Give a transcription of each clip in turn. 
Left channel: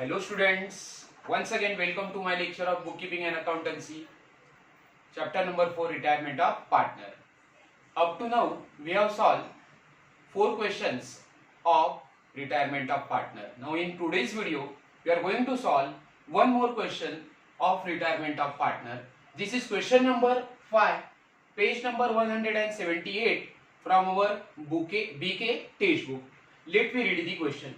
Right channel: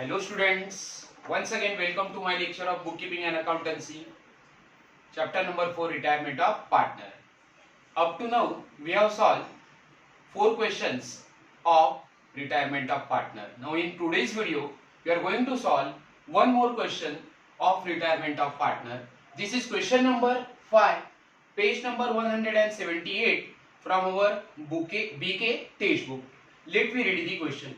Hello students, once again welcome to my lecture of bookkeeping and accountancy, chapter number 4, retirement of partner. Up to now we have solved 4 questions of retirement of partner. Now in today's video we are going to solve one more question of retirement of partner. This is question number 5, page number 178 from our BK textbook. Let me read the question.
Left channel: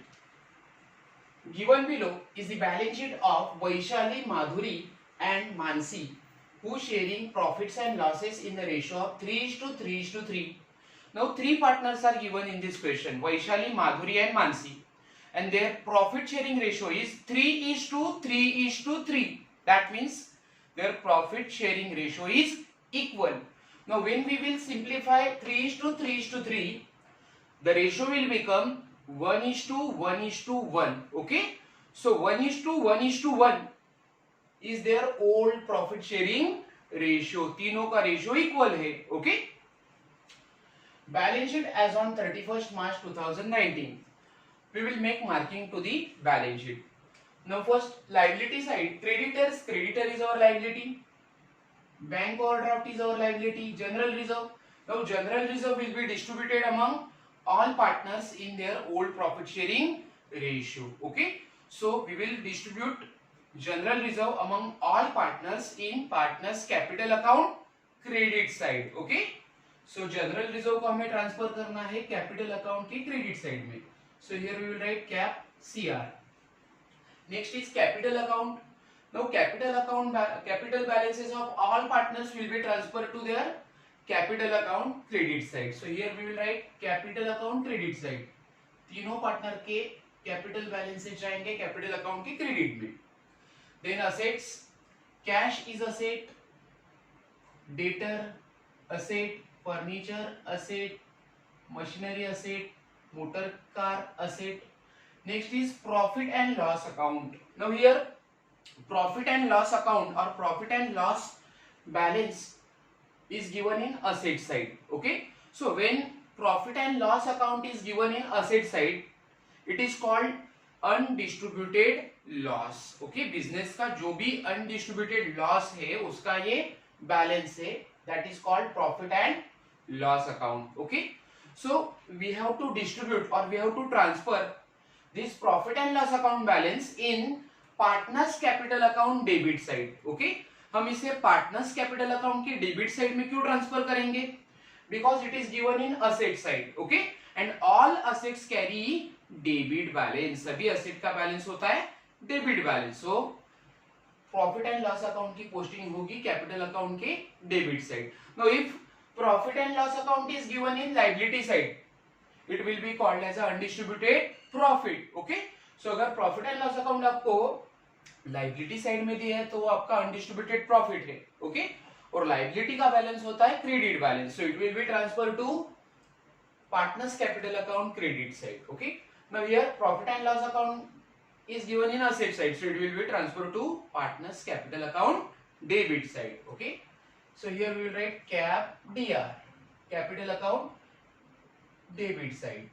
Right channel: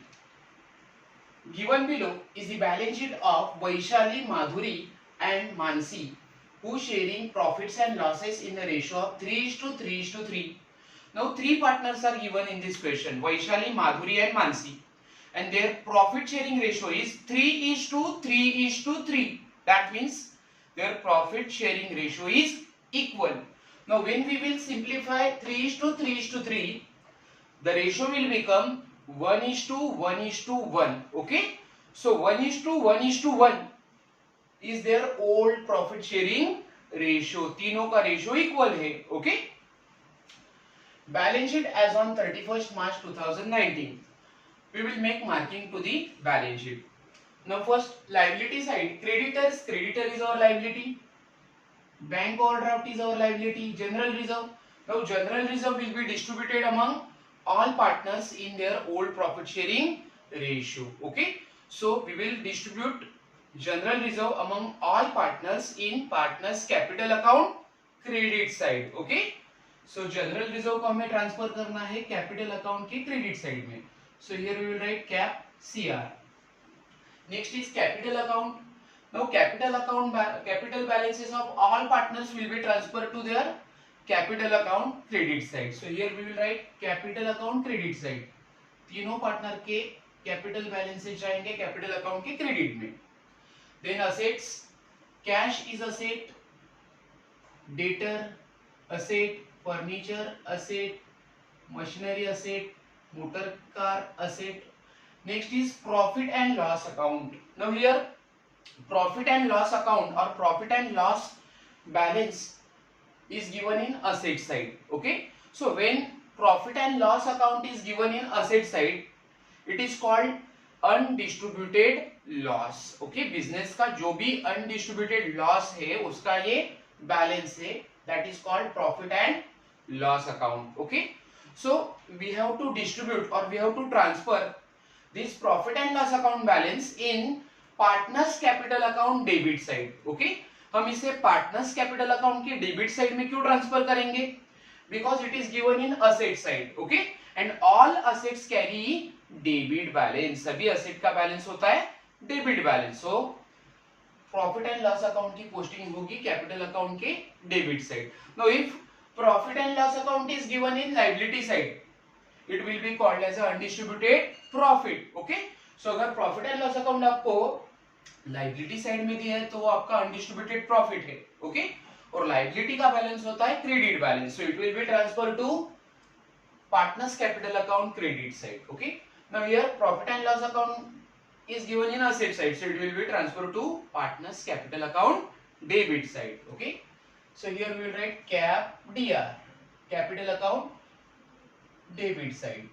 Given below is the balance sheet of Vaishali, Madhuri and Mansi, who sharing profits and losses in the ratio of 3:3:3. Now three partners are given in this question, Vaishali, Madhuri and Mansi, and their profit sharing ratio is 3:3:3. That means their profit sharing ratio is equal. Now when we will simplify 3:3:3, the ratio will become 1:1:1. Okay, so 1:1:1 is their old profit sharing ratio. तीनों का ratio equal है. Okay, balance sheet as on 31st March 2019. We will make marking to the balance sheet. Now first liability side, creditors, creditor is our liability, bank overdraft is our liability, general reserve. Now general reserve will be distributed among all partners in their old profit sharing ratio. Okay, so we will distribute general reserve among all partners in partners capital account credit side. Okay, so general reserve को हमें ट्रांसफर करना है capital account के credit side में. So here we will write cap CR. Next is capital account. Now capital balances of all partners will be transferred to their capital account credit side. So here we will write capital account credit side. तीनों partner के capital balances जाएंगे capital account के क्रेडिट में. Then assets, cash is asset, debtor asset, furniture asset, machinery asset, motor car asset. Next is profit and loss account. Now here profit and loss account or profit and loss balance is given in asset side. Okay, so when profit and loss account is given in asset side, it is called undistributed loss. Okay, business का जो भी undistributed loss है उसका ये balance है, that is called profit and loss account. Okay, so we have to distribute और we have to transfer this profit and loss account balance in partners capital account debit side. Okay, हम इसे partners capital account के debit side में क्यों transfer करेंगे? Because it is given in asset side. Okay, and all assets carry debit balance. सभी asset का balance होता है debit balance. So profit and loss account की पोस्टिंग होगी कैपिटल अकाउंट के debit side. Now if profit and loss account is given in liability side, it will be called as undistributed profit. Okay, so अगर profit and loss account आपको liability side में दिया है तो वो आपका अनडिस्ट्रीब्यूटेड प्रॉफिट है. ओके, और लायबिलिटी का बैलेंस होता है credit balance. So it will be transfer to partners capital account credit side. Okay, now here profit and loss account is given in asset side, so it will be transferred to partners capital account debit side. Okay, so here we will write cap DR, capital account debit side.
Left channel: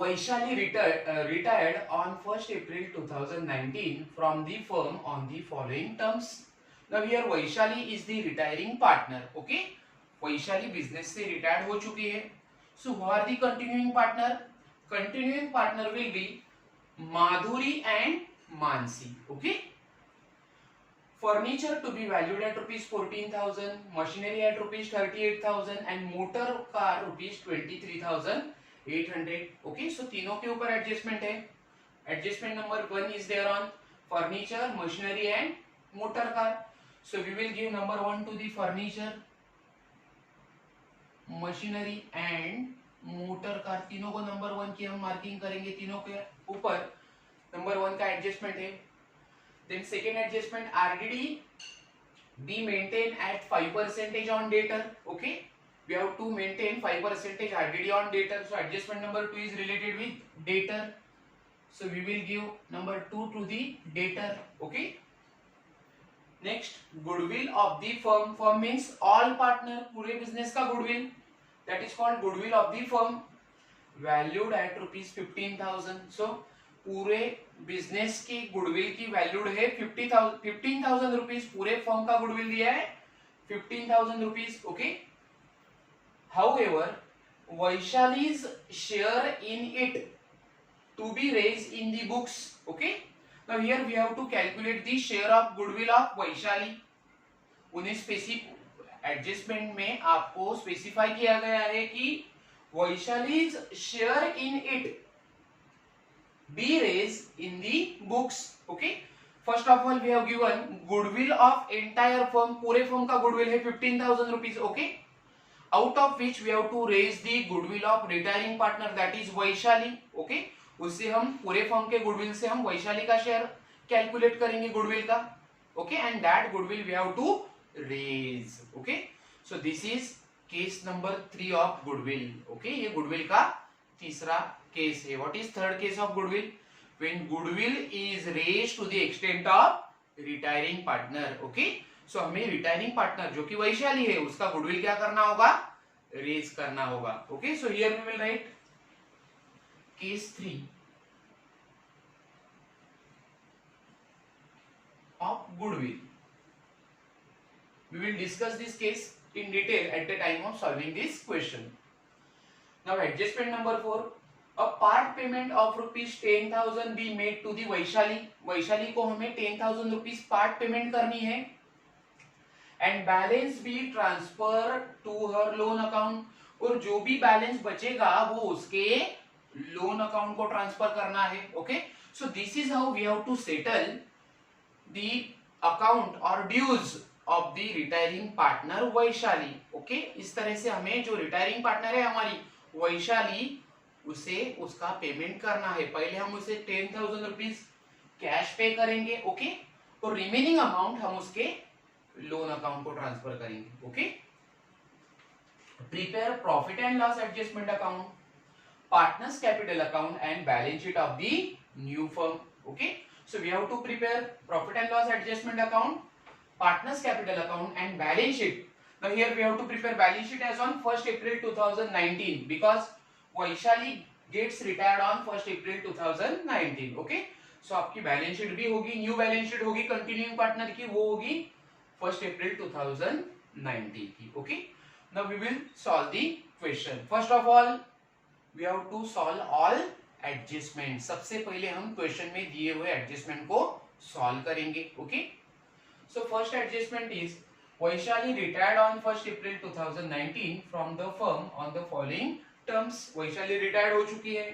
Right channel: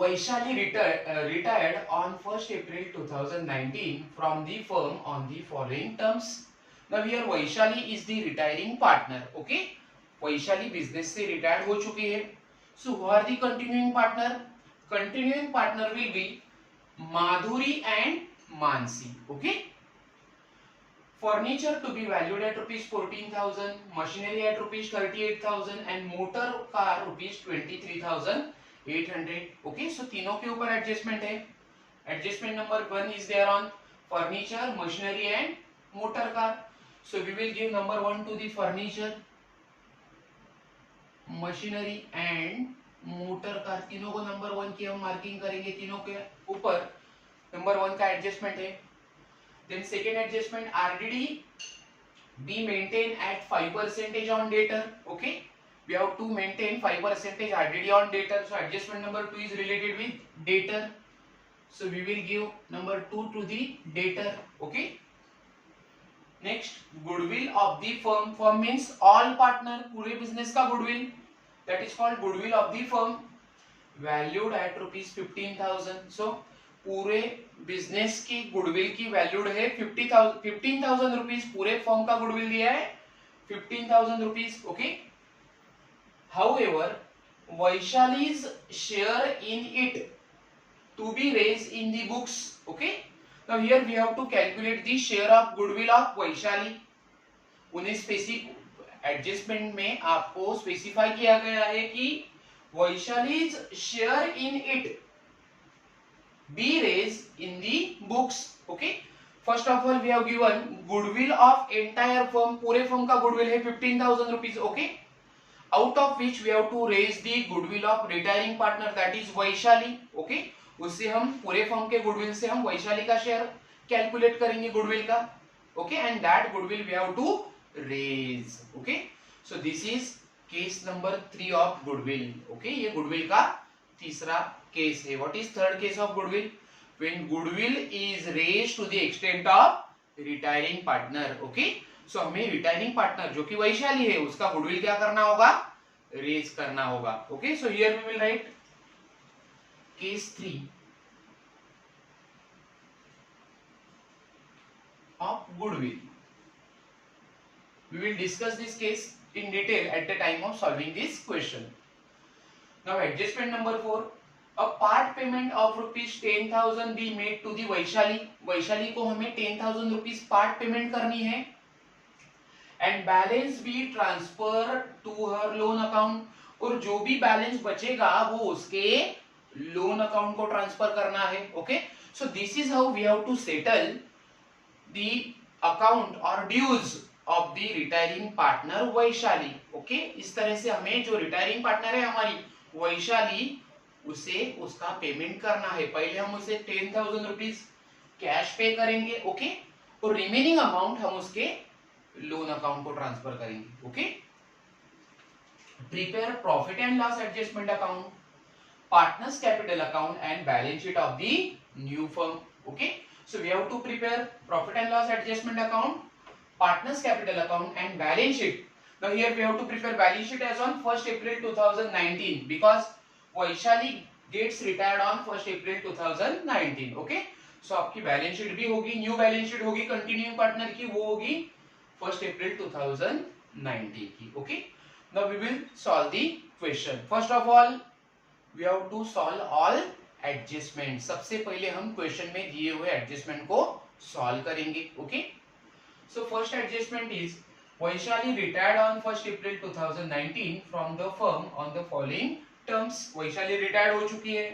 Vaishali retired on 1st April 2019 from the firm on the following terms. Now here Vaishali is the retiring partner. Okay, Vaishali business से retired हो चुकी है. So who are the continuing partner? Continuing partner will be Madhuri and Mansi. Okay, furniture to be valued at rupees 14,000, machinery at rupees 38,000 and motor car rupees 23,800. Okay, so तीनों के ऊपर एडजस्टमेंट है. Adjustment number 1 is there on furniture, machinery and motor car. So we will give number 1 to the furniture, machinery and motor car. तीनों को नंबर 1 की हम मार्किंग करेंगे. तीनों के ऊपर नंबर 1 का एडजस्टमेंट है. Then second adjustment, RDD be maintain at 5% on debtor. Okay, we have to maintain 5% RDD on debtor. So adjustment number 2 is related with debtor. So we will give number 2 to the debtor. Okay, next goodwill of the firm. Firm means all partner, पूरे business का goodwill, that is called goodwill of the firm, valued at rupees 15,000. So पूरे business की गुडविल की वैल्यूड है 15,000 रुपीज, पूरे firm का goodwill दिया है 15,000 rupees. Okay. However Vaishali's share in it to be raised in the books. Okay. Now here we have to calculate the share of goodwill of Vaishali. उन्हें specific adjustment में आपको स्पेसिफाई किया गया है कि Vaishali's share in it be raise in the books. Okay. First of all we have given goodwill of entire firm, पूरे firm का goodwill है 15,000 rupees. Okay. Out of which we have to raise the goodwill of retiring partner that is Vaishali. Okay. उससे हम पूरे फर्म के गुडविल से हम वैशाली का शेयर कैलकुलेट करेंगे गुडविल का. Okay. And that goodwill we have to raise. Okay. So this is case number 3 of goodwill. Okay. ये गुडविल का तीसरा केस है. What is third case of goodwill? When goodwill is raise to the extent of retiring partner. Okay. So हमें retiring partner जो कि वैशाली है उसका गुडविल क्या करना होगा? रेज करना होगा. Okay. So here we will write case 3 of goodwill. We will discuss this case in detail at the time of solving this question. Now adjustment number 4, a part payment of rupees 10,000 be made to the Vaishali. Vaishali को हमें 10,000 rupees part payment करनी है and balance be transfer to her loan account. और जो भी बैलेंस बचेगा वो उसके लोन अकाउंट को ट्रांसफर करना है. Okay. So this is how we have to settle the account और dues of the retiring partner Vaishali. Okay. इस तरह से हमें जो रिटायरिंग पार्टनर है हमारी वैशाली, उसे उसका पेमेंट करना है. पहले हम उसे 10,000 रुपीज कैश पे करेंगे. ओके. और रिमेनिंग अमाउंट हम उसके लोन अकाउंट को ट्रांसफर करेंगे. Okay. Prepare profit and loss adjustment account, partners capital account and balance sheet of the new firm. Okay. So we have to prepare profit and loss adjustment account, partners capital account and balance sheet. Now here we have to prepare balance sheet as on 1st April 2019 because Vaishali gets retired on 1st April 2019. Okay. So आपकी balance sheet भी होगी, new balance sheet होगी continuing partner की, वो होगी 1st April 2019 की. Okay. Now we will solve the question. First of all we have to solve all adjustment. सबसे पहले हम क्वेश्चन में दिए हुए एडजस्टमेंट को सॉल्व करेंगे. Okay. So first adjustment is Vaishali retired on 1st April 2019 from the firm on the following terms. Vaishali retired हो चुकी है.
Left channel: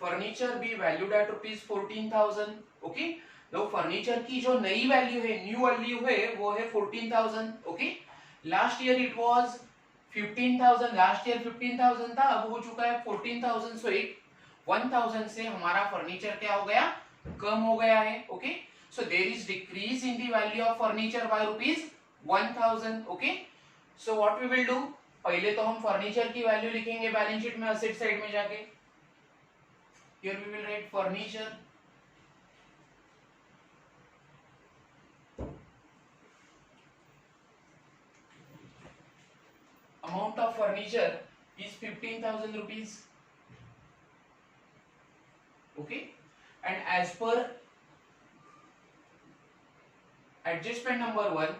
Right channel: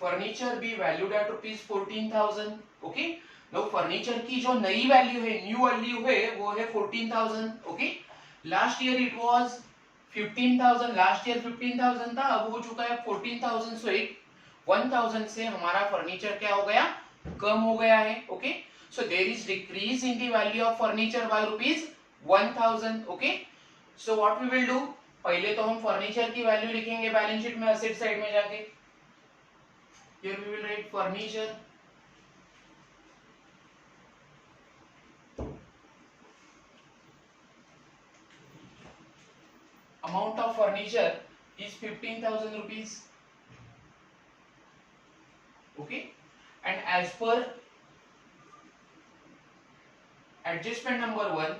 Furniture be valued at rupees 14,000. Okay. No furniture की जो नई वैल्यू है, न्यू वैल्यू है, वो है 14,000. Okay. Last year it was 15,000. Last year 15,000 था, अब हो चुका है 14,000. सो 1,000 से हमारा फर्नीचर क्या हो गया? कम हो गया है. Okay. So there is decrease in the value of furniture by rupees 1,000. Okay. So what we will do, पहले तो हम फर्नीचर की वैल्यू लिखेंगे बैलेंस शीट में असेट साइड में जाके. Here we will write furniture. Amount of furniture is 15,000 rupees. Okay. And as per adjustment number 1,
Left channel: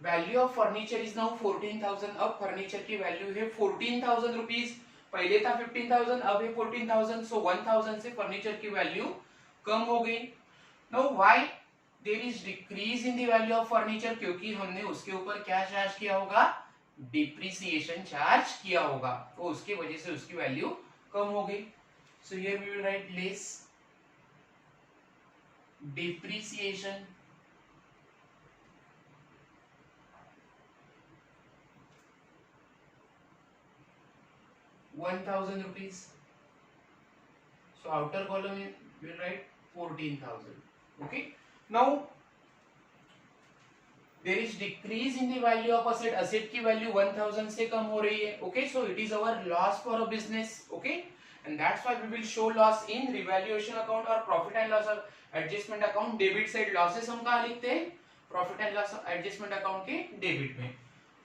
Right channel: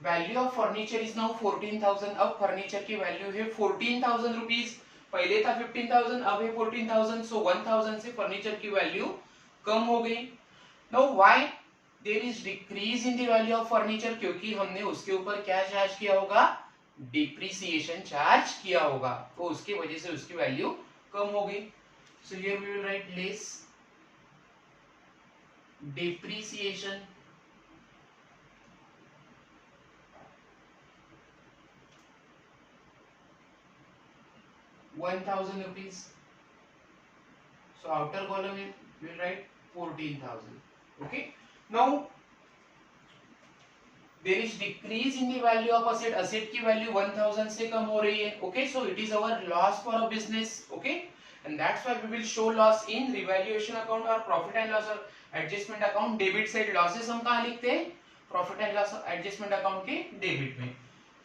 value of furniture is now 14,000. अब फर्नीचर की वैल्यू है 14,000 रुपीज. पहले था 15,000, अब है 14,000. सो 1,000 से फर्नीचर की वैल्यू कम हो गई. Now why there is decrease in the value of furniture? क्योंकि हमने उसके ऊपर क्या चार्ज किया होगा? डिप्रिसिएशन चार्ज किया होगा, तो उसकी वजह से उसकी वैल्यू कम हो गई. So here we will write less depreciation. ₹1,000. So outer column we will write 14,000. Okay. Now there is decrease in the value of asset. Asset की वैल्यू 1,000 से कम हो रही है. Okay. So it is our loss for a business. Okay. And that's why we will show loss in revaluation account or profit and loss adjustment account. Debit side losses हम कहाँ लिखते हैं? Profit and loss adjustment account के debit में.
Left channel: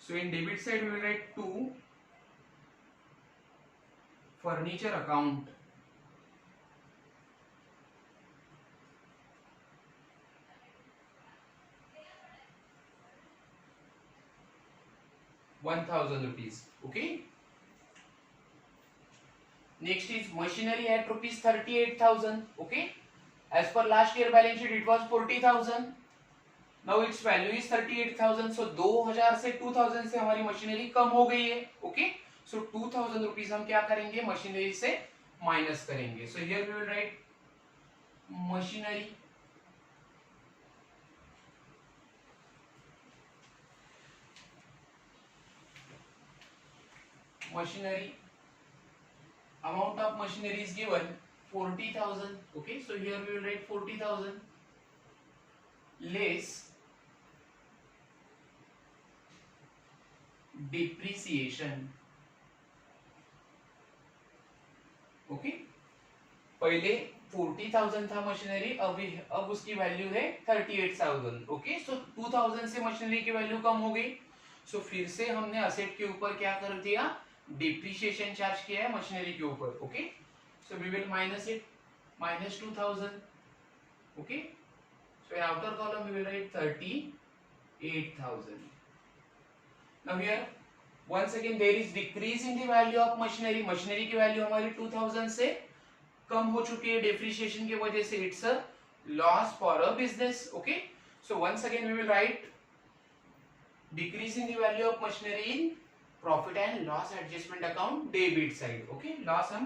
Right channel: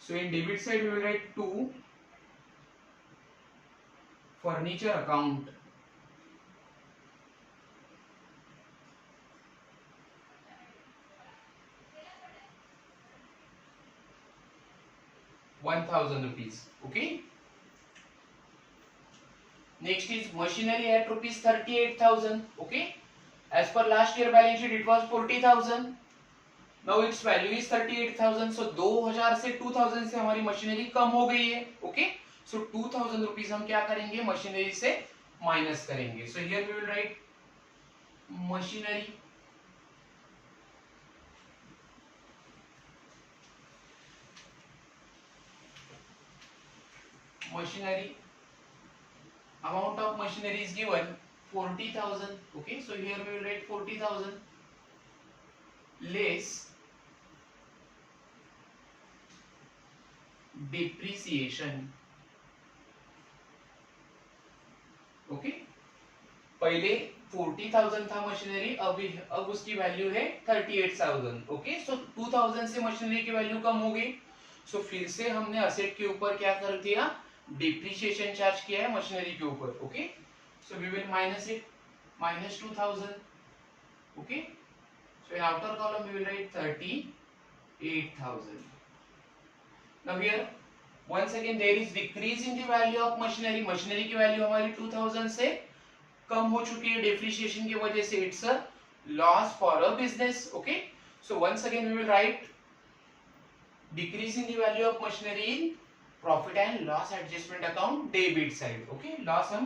So in debit side we will write to furniture account. 1000 rupees. Okay. Next is machinery at rupees 38,000. Okay. As per last year balance sheet it was 40,000. Now its value is 38,000. So 2000 से 2000 से हमारी मशीनरी कम हो गई है. Okay. So 2000 rupees हम क्या करेंगे, मशीनरी से माइनस करेंगे. So here we will write machinery. Machinery. Amount of machinery is given 40,000. Okay. So here we will write 40,000 less depreciation. Okay. पहले 40,000 था मशीनरी, अब उसकी वैल्यू है 38,000. ओके. सो 2000 से मशीनरी की वैल्यू कम हो गई. सो फिर से हमने असेट के ऊपर क्या कर दिया, डिप्रिसिएशन चार्ज किया है मशीनरी के ऊपर. Okay. So we will minus it, minus 2000. Okay. So in outer column we will write 38,000. Now here once again there is decrease in the value of machinery. Machinery की वैल्यू हमारी 2000 से कम हो चुकी है डेप्रिसिएशन की वजह से. It's a loss for a business. Okay. So once again we will write decrease in the value of machinery in profit and loss adjustment account debit side. Okay. Loss हम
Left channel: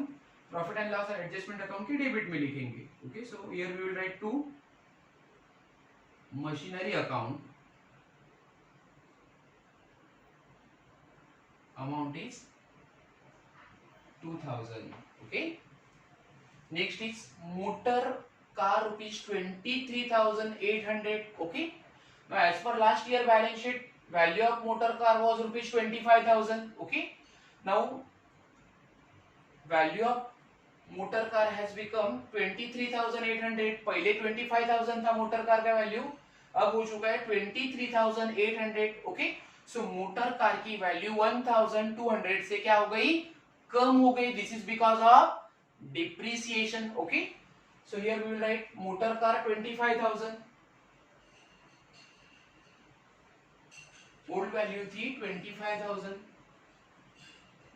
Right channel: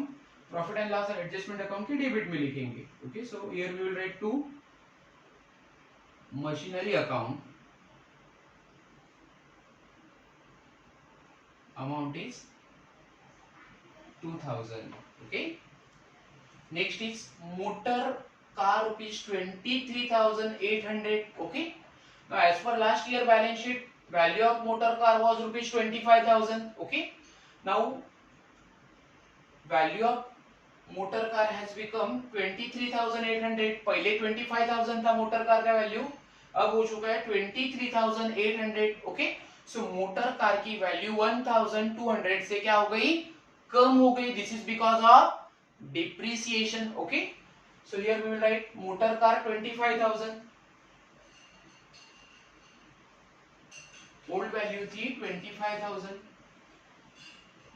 profit and loss adjustment account के debit में लिखेंगे. Okay. So here we will write to machinery account amount is 2000. Okay. Next is motor car rupees 23,800. Okay. Now as per last year balance sheet, value of motor car was rupees 25,000. Okay. Now value of motor car has become 23,800. पहले 25,000 था motor car का वैल्यू, अब हो चुका है 23,800. Okay. So motor car की value 1,200 से क्या हो गई, कम हो गई. This is because of depreciation. Okay. So here we will write motor car 25,000. Old value थी 25,000,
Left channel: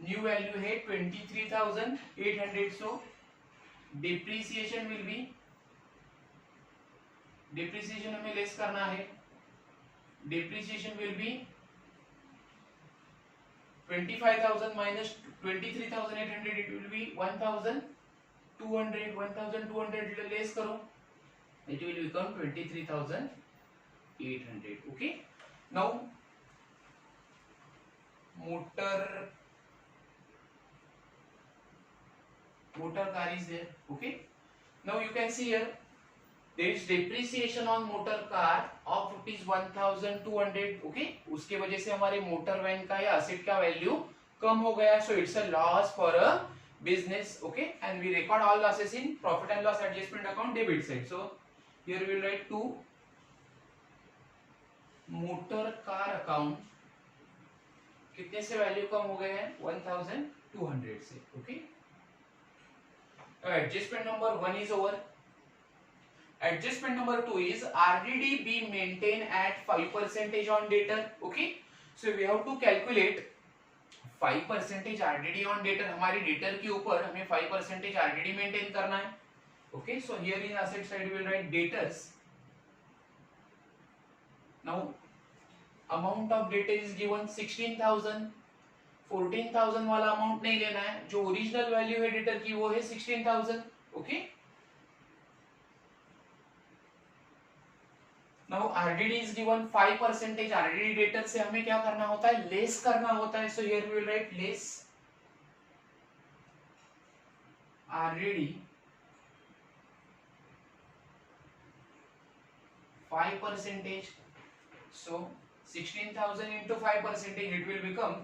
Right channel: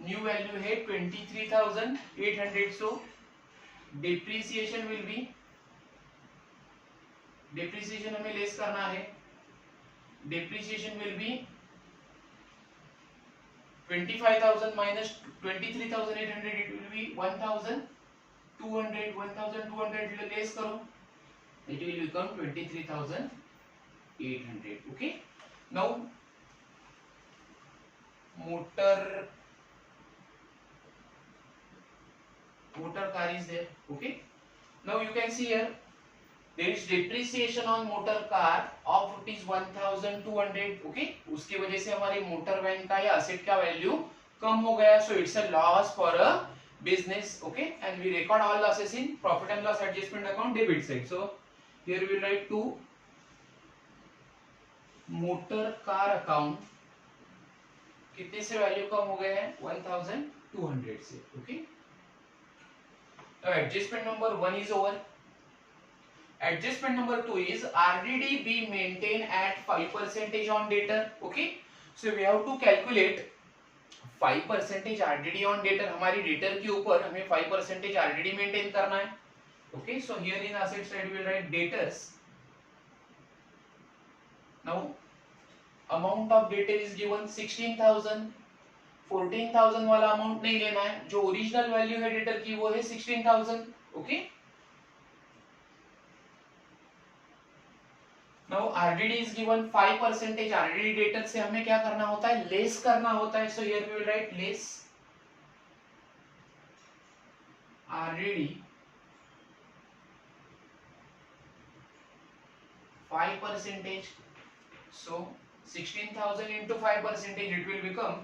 न्यू वैल्यू है 23,800. So depreciation will be, depreciation हमें लेस करना है. Depreciation will be 25,000 minus 23,800. it will be 1,200. 1,200 less करो, it will become 23,800. okay. now motor car is there. okay. now you can see here there is depreciation on motor car of rupees 1,200. okay. उसके वजह से हमारे motor van का या असेट का वैल्यू कम हो गया. So it's a loss for a business. Okay. And we record all losses in profit and loss adjustment account debit side. So here we will write to motor car account कितने से value कम हो गए हैं, 1,200 से. Okay. Adjustment number 1 is over. Adjustment number 2 is RDD be maintained at 5% on debtor. Okay. So we have to calculate 5% RDD on debtor. हमारी debtor के ऊपर हमें 5% RDD maintain करना है. Okay. So here in asset side we will write debtors. Now amount of debtor is given 16,000. 14,000 वाला अमाउंट नहीं लेना है, जो ओरिजिनल वैल्यू है debtor की वो है 16,000. Okay. Now RDD is given 5%. RDD debtor से हमें क्या करना होता है, लेस करना होता है. So here we will write less RDD 5%. So 16,000 into 5%, it will become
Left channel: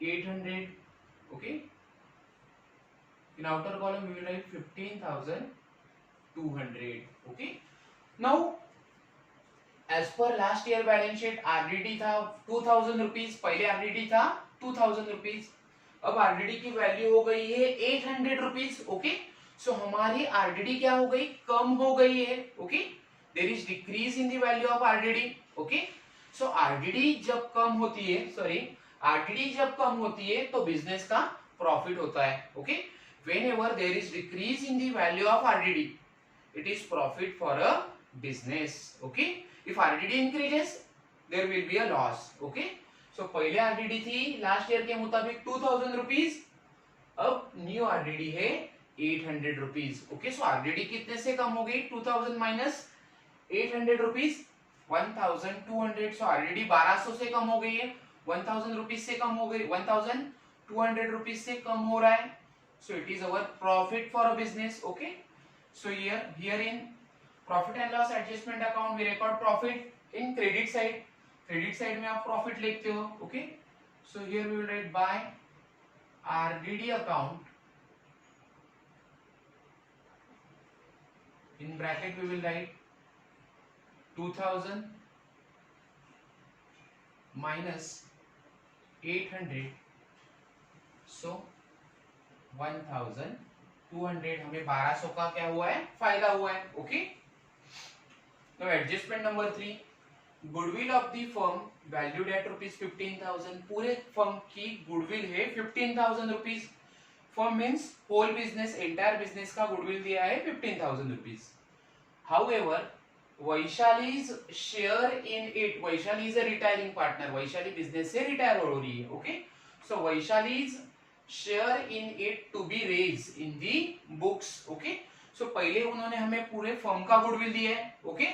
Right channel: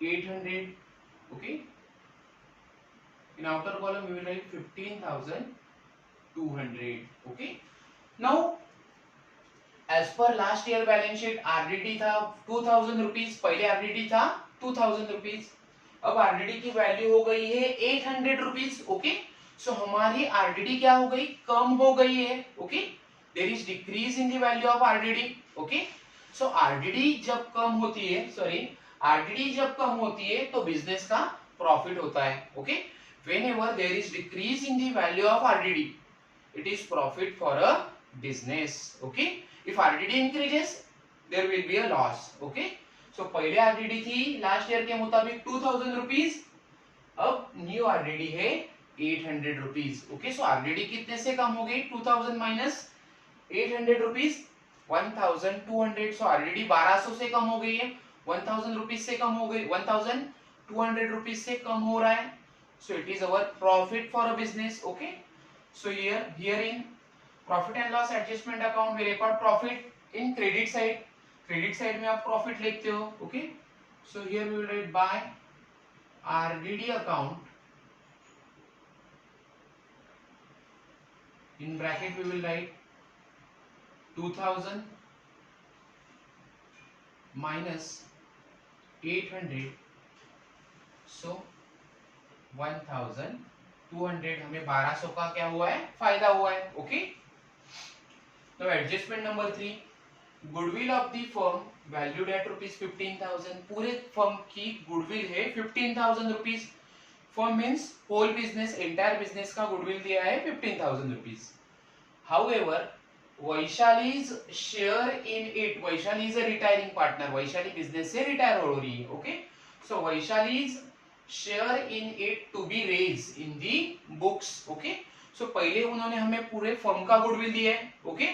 800. Okay. In outer column we will write 15,200. Okay. Now as per last year balance sheet RDD था 2,000 rupees. पहले RDD था 2,000 rupees. अब RDD की वैल्यू हो गई है 800 rupees. ओके. सो हमारी RDD क्या हो गई, कम हो गई है. Okay. There is decrease in the value of RDD. Okay. So RDD जब कम होती है, सॉरी, आरडीडी जब कम होती है तो बिजनेस का प्रॉफिट होता है. Okay, whenever there is decrease in the value of RDD, it is profit for a business. Okay, if RDD increases, there will be a loss. Okay, so पहले RDD थी लास्ट ईयर के मुताबिक 2000 रुपीज, अब न्यू RDD है 800 rupees. Okay, सो RDD कितने से कम हो गई? 2000 माइनस 800 रुपीज, 1200. सो RDD 1200 से कम हो गई है, 1000 रुपीज से कम हो गई, 1200 रुपीज से कम हो रहा है. So it is our profit for a business. Okay, so here in profit and loss adjustment account we record profit in credit side. Credit side में आप profit लिखते हो. Okay, so here we will write by RDD account, in bracket we will write 2000 minus 800, so 1200. हमें 1200 का क्या हुआ है? फायदा हुआ है. ओके, तो adjustment number 3, goodwill of the firm valued at rupees 15,000. पूरे फर्म की गुडविल है 15,000 rupees. Firm means whole business, entire business का गुडविल दिया है 15,000 rupees. However Vaishali's share in it, Vaishali is a retiring partner, Vaishali business से रिटायर हो रही है. Okay, so Vaishali's share in it to be raise in the books. Okay, so पहले उन्होंने हमें पूरे फर्म का गुडविल दिया है. ओके,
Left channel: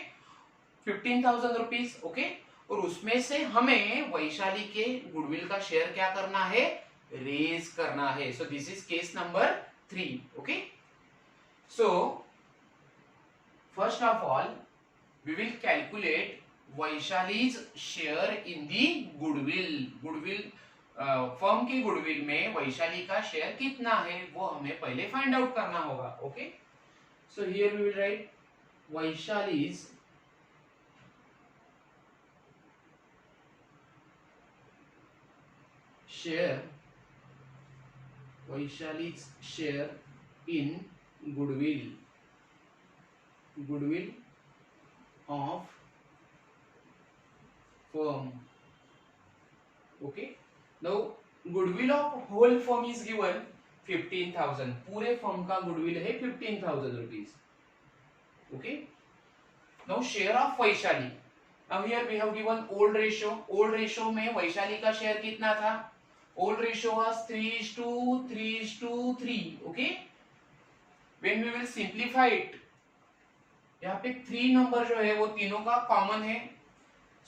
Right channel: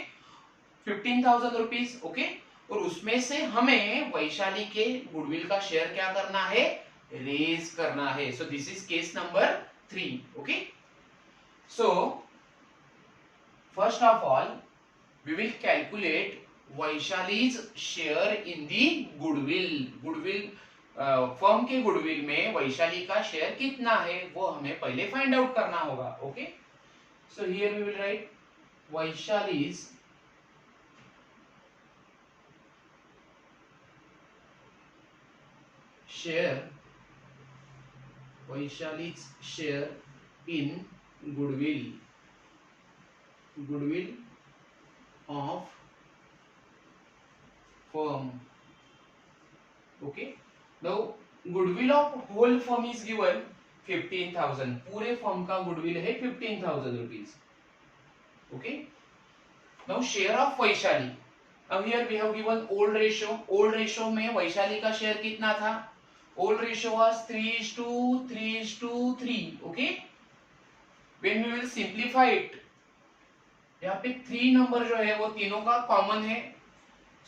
15,000 रुपीज. ओके, और उसमें से हमें वैशाली के गुडविल का शेयर क्या करना है? रेज करना है. So this is case number 3. Okay, so first of all we will calculate Vaishali's share in the goodwill. Goodwill firm के गुडविल में वैशाली का शेयर कितना है वो हमें पहले फाइंड आउट करना होगा. Okay, so here we will write Vaishali's share, Vaishali's share in goodwill, goodwill of firm. Okay, now goodwill of whole firm is given 15,000. पूरे फर्म का गुडविल है 15,000 rupees. Okay, now share of Vaishali. Now here we have given old ratio. old ratio में वैशाली का शेयर कितना था? old ratio was 3:3:3. Okay, when we will simplify it, यहाँ पे 3 नंबर जो है वो तीनों का कॉमन है,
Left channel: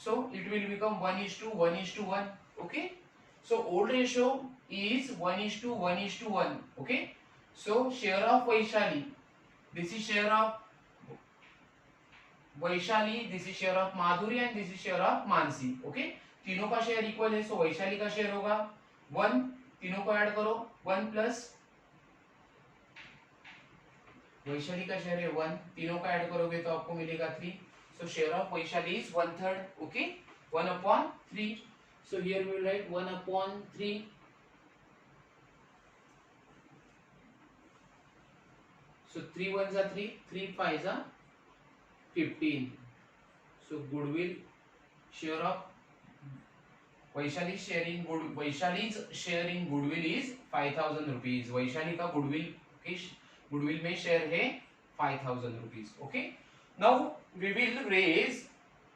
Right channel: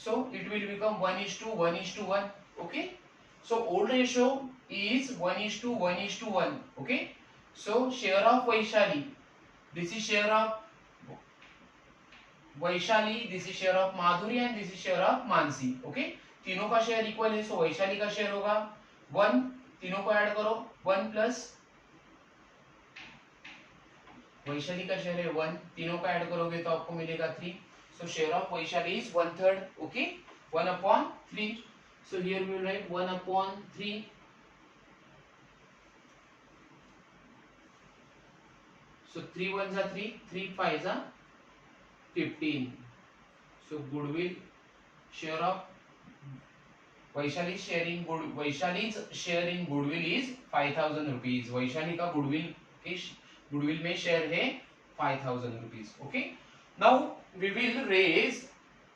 so it will become 1:1:1. Okay, so old ratio is 1:1:1. Okay, so share of Vaishali, this is share of Vaishali, this is share of Madhuri and this is share of Mansi. Okay, तीनों का share equal है, so वैशाली का शेयर होगा 1. तीनों को ऐड करो, 1 प्लस वैशाली का शेयर है 1, तीनों का ऐड करोगे तो आपको मिलेगा 3. so share of वैशाली is 1/3. Okay, 1/3. So here we will write 1/3. So 3 1s are 3, 3 5s are 15. So goodwill share of Vaishali's share in goodwill is 5,000 rupees. वैशाली का गुडविल में शेयर है 5,000 rupees. Okay, now we will raise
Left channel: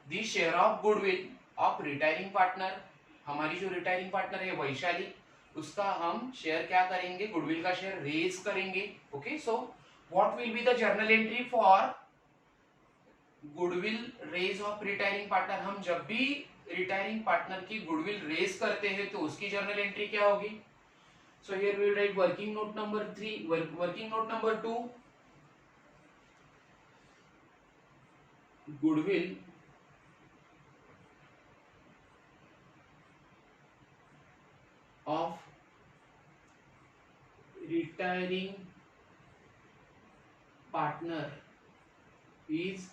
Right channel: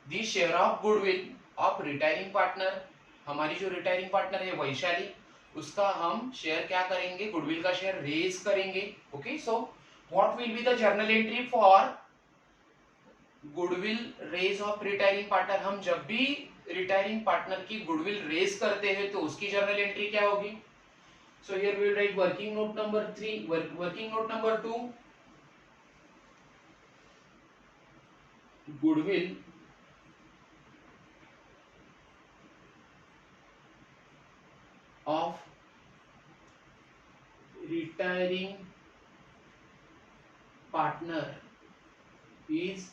the share of goodwill of retiring partner. हमारी जो retiring partner है वैशाली, उसका हम शेयर क्या करेंगे? गुडविल का शेयर रेज करेंगे. Okay, so what will be the journal entry for goodwill raise of retiring partner? हम जब भी रिटायरिंग पार्टनर की गुडविल रेज करते हैं तो उसकी जर्नल एंट्री क्या होगी? So here we will write working note number 3, working note number 2, goodwill of retiring partner is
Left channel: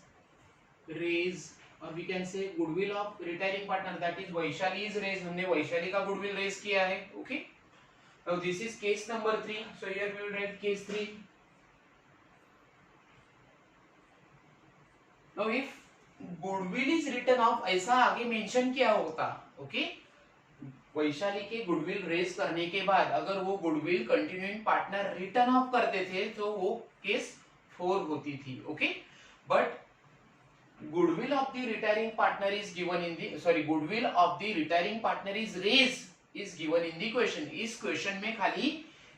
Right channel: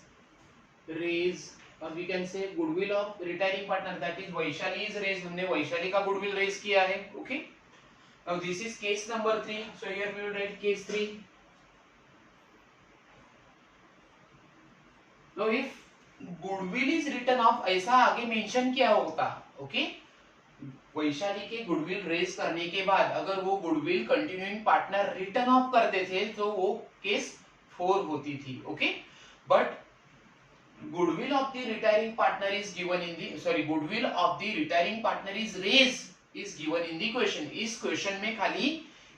raised, or we can say goodwill of retiring partner, that is Vaishali is raised. हमने वैशाली का goodwill raise किया है. Okay, now this is case number 3. so here we will write case 3. now if goodwill is return of, ऐसा आगे मेंशन किया होता, ओके। वैशाली के goodwill raise करने के बाद अगर वो goodwill continuing partner return of करते थे तो वो केस 4 होती थी, okay. But goodwill of the retiring partner is given in the, sorry, goodwill of the retiring partner is raised is given in the question. इस क्वेश्चन में खाली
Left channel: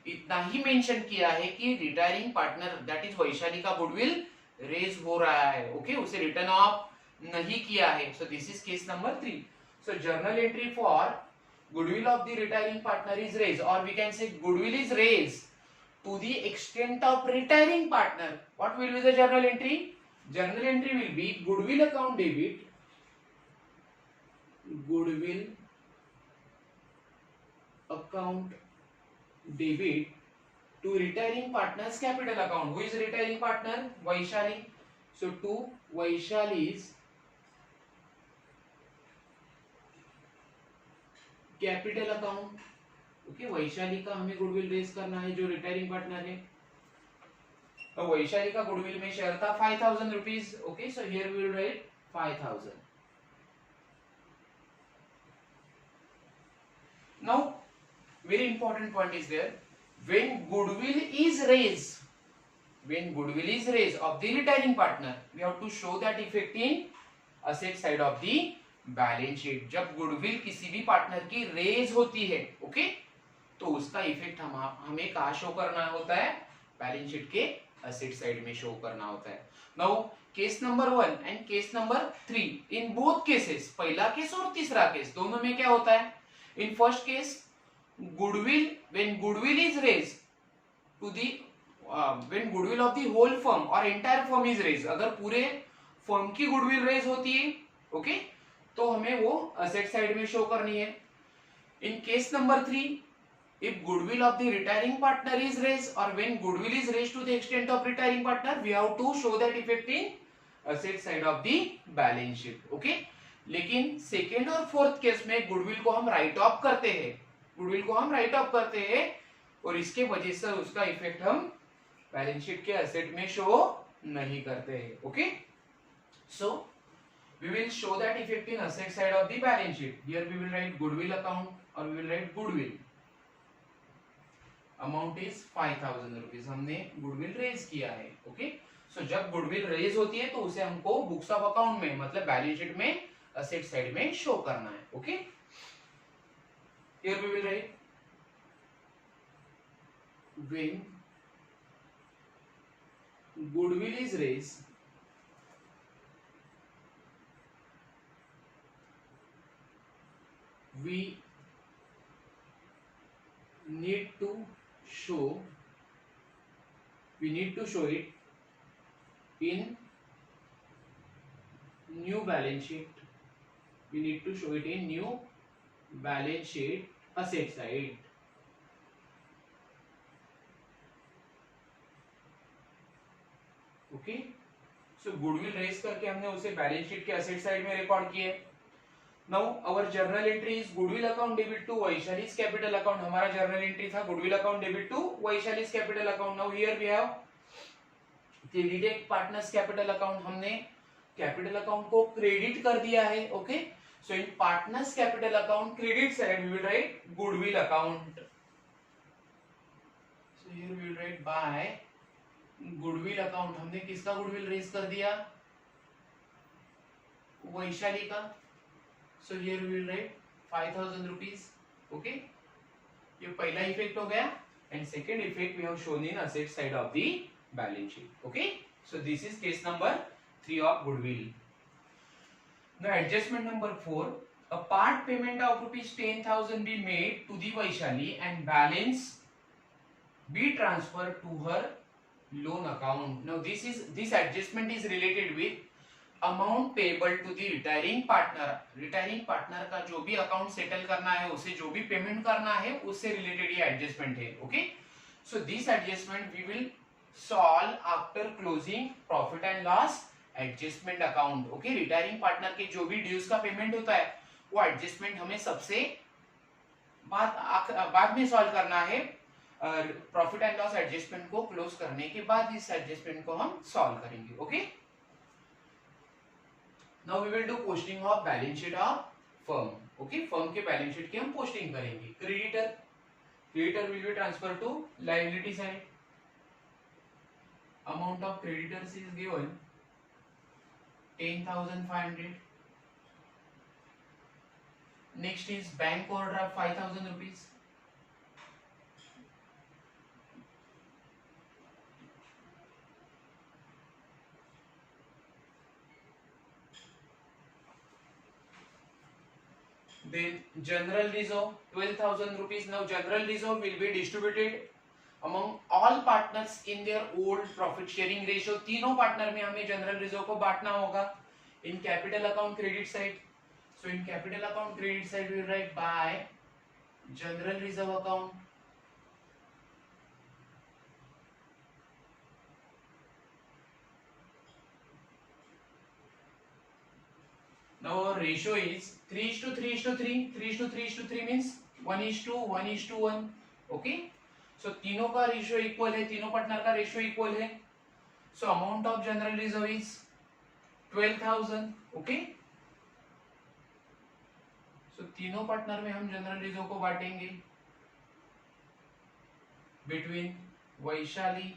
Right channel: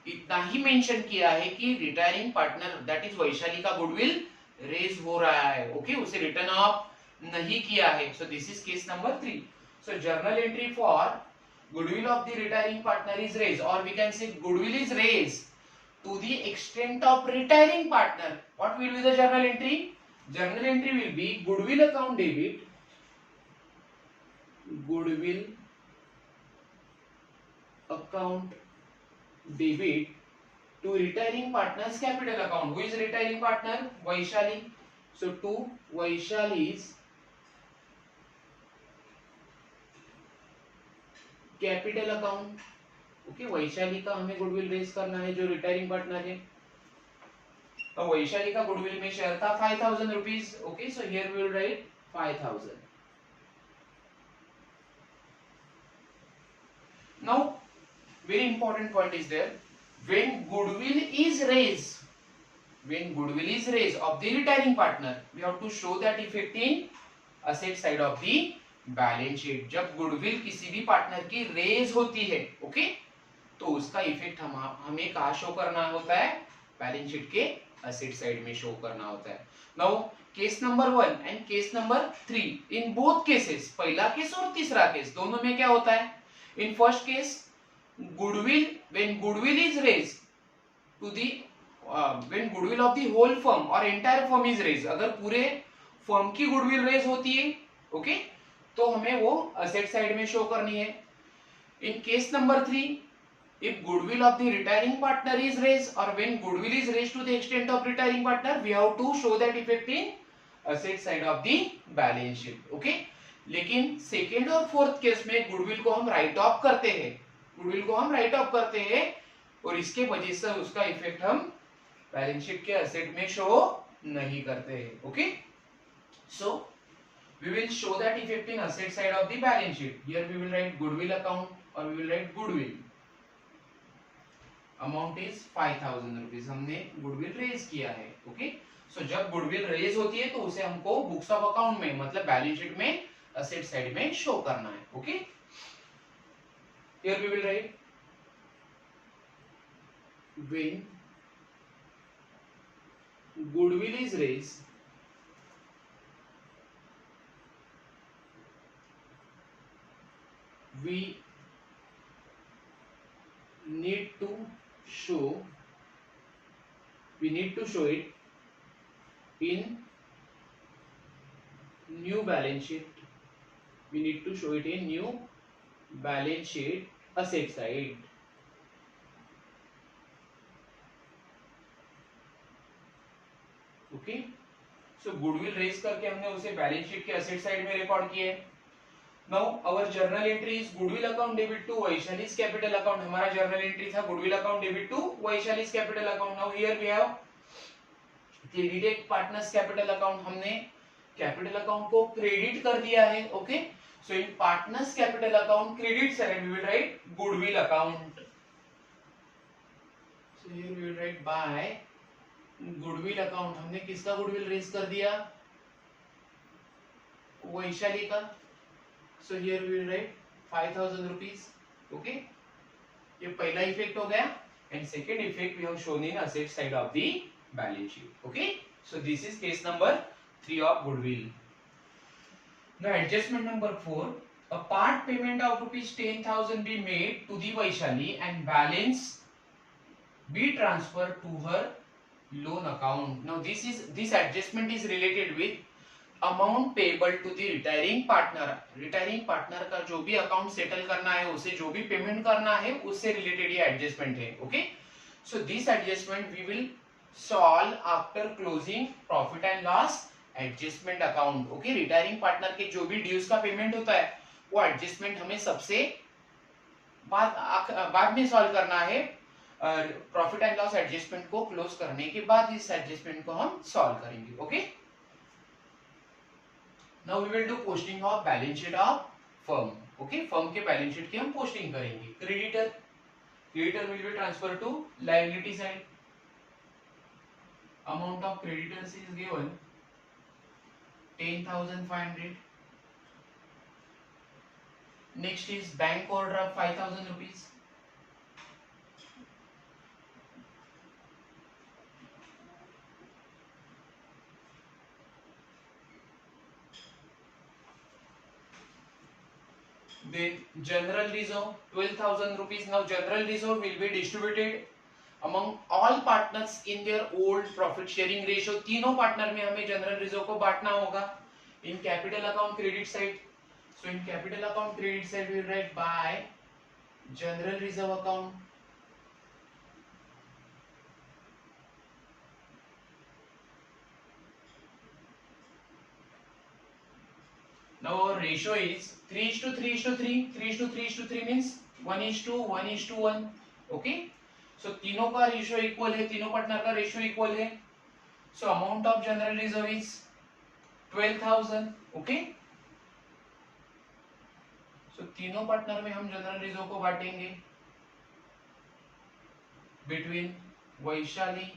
इतना ही मेंशन किया है कि retiring partner that is Vaishali का गुडविल रेज हो रहा है, ओके, उसे रिटर्न ऑफ नहीं किया है। So this is case number 3। So journal entry for goodwill of the retiring partner is raised, or we can say goodwill is raised to the extent of retiring partner. What will be the journal entry? Journal entry will be goodwill account debit, goodwill account debit to retiring partner's capital account. Who is retiring partner? Vaishali. So to Vaishali's capital account, okay. Vaishali का हमें goodwill raise करना है जो retiring partner है। तो वैशाली का गुडविल में share था 5000 rupees, okay. So here we will write 5000। Now very important point is there, when goodwill is raised, when goodwill is raised of the retiring partner, we have to show that effect in asset side of the balance sheet. जब गुडविल किसी भी पार्टनर की रेज होती है, okay, तो उसका इफेक्ट हमें कहाँ शो करना होता है? बैलेंस शीट के एसेट साइड में शो करना होता है। Now case number 1 and case number 3, in both cases, पहला केस और तीसरा केस, दोनों में क्या होता है? In first case goodwill, when goodwill is raised to the when goodwill of the whole firm or entire firm is raised, अगर पूरे फर्म की गुडविल रेज होती है, ओके, तो हमें वो असेट साइड में शो करनी है। In case number 3, if goodwill of the retiring partner is raised or when goodwill is raised to the extent of retiring partner, we have to show that effect in asset side of the balance sheet, okay. लेकिन सेकेंड और fourth case में गुडविल को हम right of करते हैं, गुडविल को हम right of करते हैं और इसके वजह से उसका इफेक्ट हम बैलेंस शीट के एसेट में शो नहीं करते हैं, ओके। सो we will show that effect in asset side of the balance sheet. Here we will write goodwill account or we will write goodwill. Amount is 5000 rupees, हमने goodwill रेज किया है, ओके। सो जब गुडविल रेज होती है तो उसे हमको बुक्स ऑफ अकाउंट में, मतलब बैलेंस शीट में एसेट साइड में शो करना है, okay. Here we will write when goodwill is raised, we need to show it in new balance sheet. We need to show it in new balance sheet asset side, okay. So goodwill raise करके हमने उसे balance sheet के asset side में record किया है। Now our journal entry is goodwill account debit to Vaishali's capital account. हमारा journal entry था goodwill account debit to Vaishali's capital account. Now here we have credit partners capital account, हमने capital account को credit कर दिया है, okay. So in partners capital account credit side we will right goodwill account. So here we will write by goodwill account, हमने किसका goodwill raise कर दिया? वैशाली का। So here we will write 5000 rupees, okay. ये पहला इफेक्ट हो गया and second effect we have shown in asset side of the balance sheet, okay. So this is case number 3 of goodwill. Now adjustment number 4, a part payment of rupees 10,000 be made to the Vaishali and balance be transferred to her loan account. Now this adjustment is related with amount payable to the retiring partner. Retiring partner का जो भी account settle करना है, उसे जो भी पेमेंट करना है, उससे रिलेटेड ये एडजस्टमेंट है, okay. So this adjustment we will solve after closing profit and loss adjustment account, okay. Retiring partner के जो भी ड्यूज का पेमेंट होता है वो एडजस्टमेंट हमें सबसे बाद में सॉल्व करना है। प्रॉफिट एंड लॉस एडजस्टमेंट को क्लोज करने के बाद इस एडजस्टमेंट को हम सॉल्व करेंगे, okay. Now we will do posting of balance sheet of firm. Okay, firm के बैलेंस शीट की हम पोस्टिंग करेंगे. Creditor will be transfer to liability side. Amount of creditors is given 10,500. Next is bank overdraft 5,000 rupees. Then general reserve 12,000 rupees. Now general reserve will be distributed among all partners in their old profit sharing ratio. तीनों पार्टनर में हमें general reserve को बांटना होगा. In capital account credit side. So in capital account credit side we will write by general reserve account. Now our ratio is 3:3:3. 3:3:3 means 1:1:1. Okay. So तीनों का ratio equal है, तीनों पार्टनर का रेशियो इक्वल है. So amount of general reserve is 12,000. Okay. So तीनों पार्टनर में हम general reserve को बांटेंगे between वैशाली,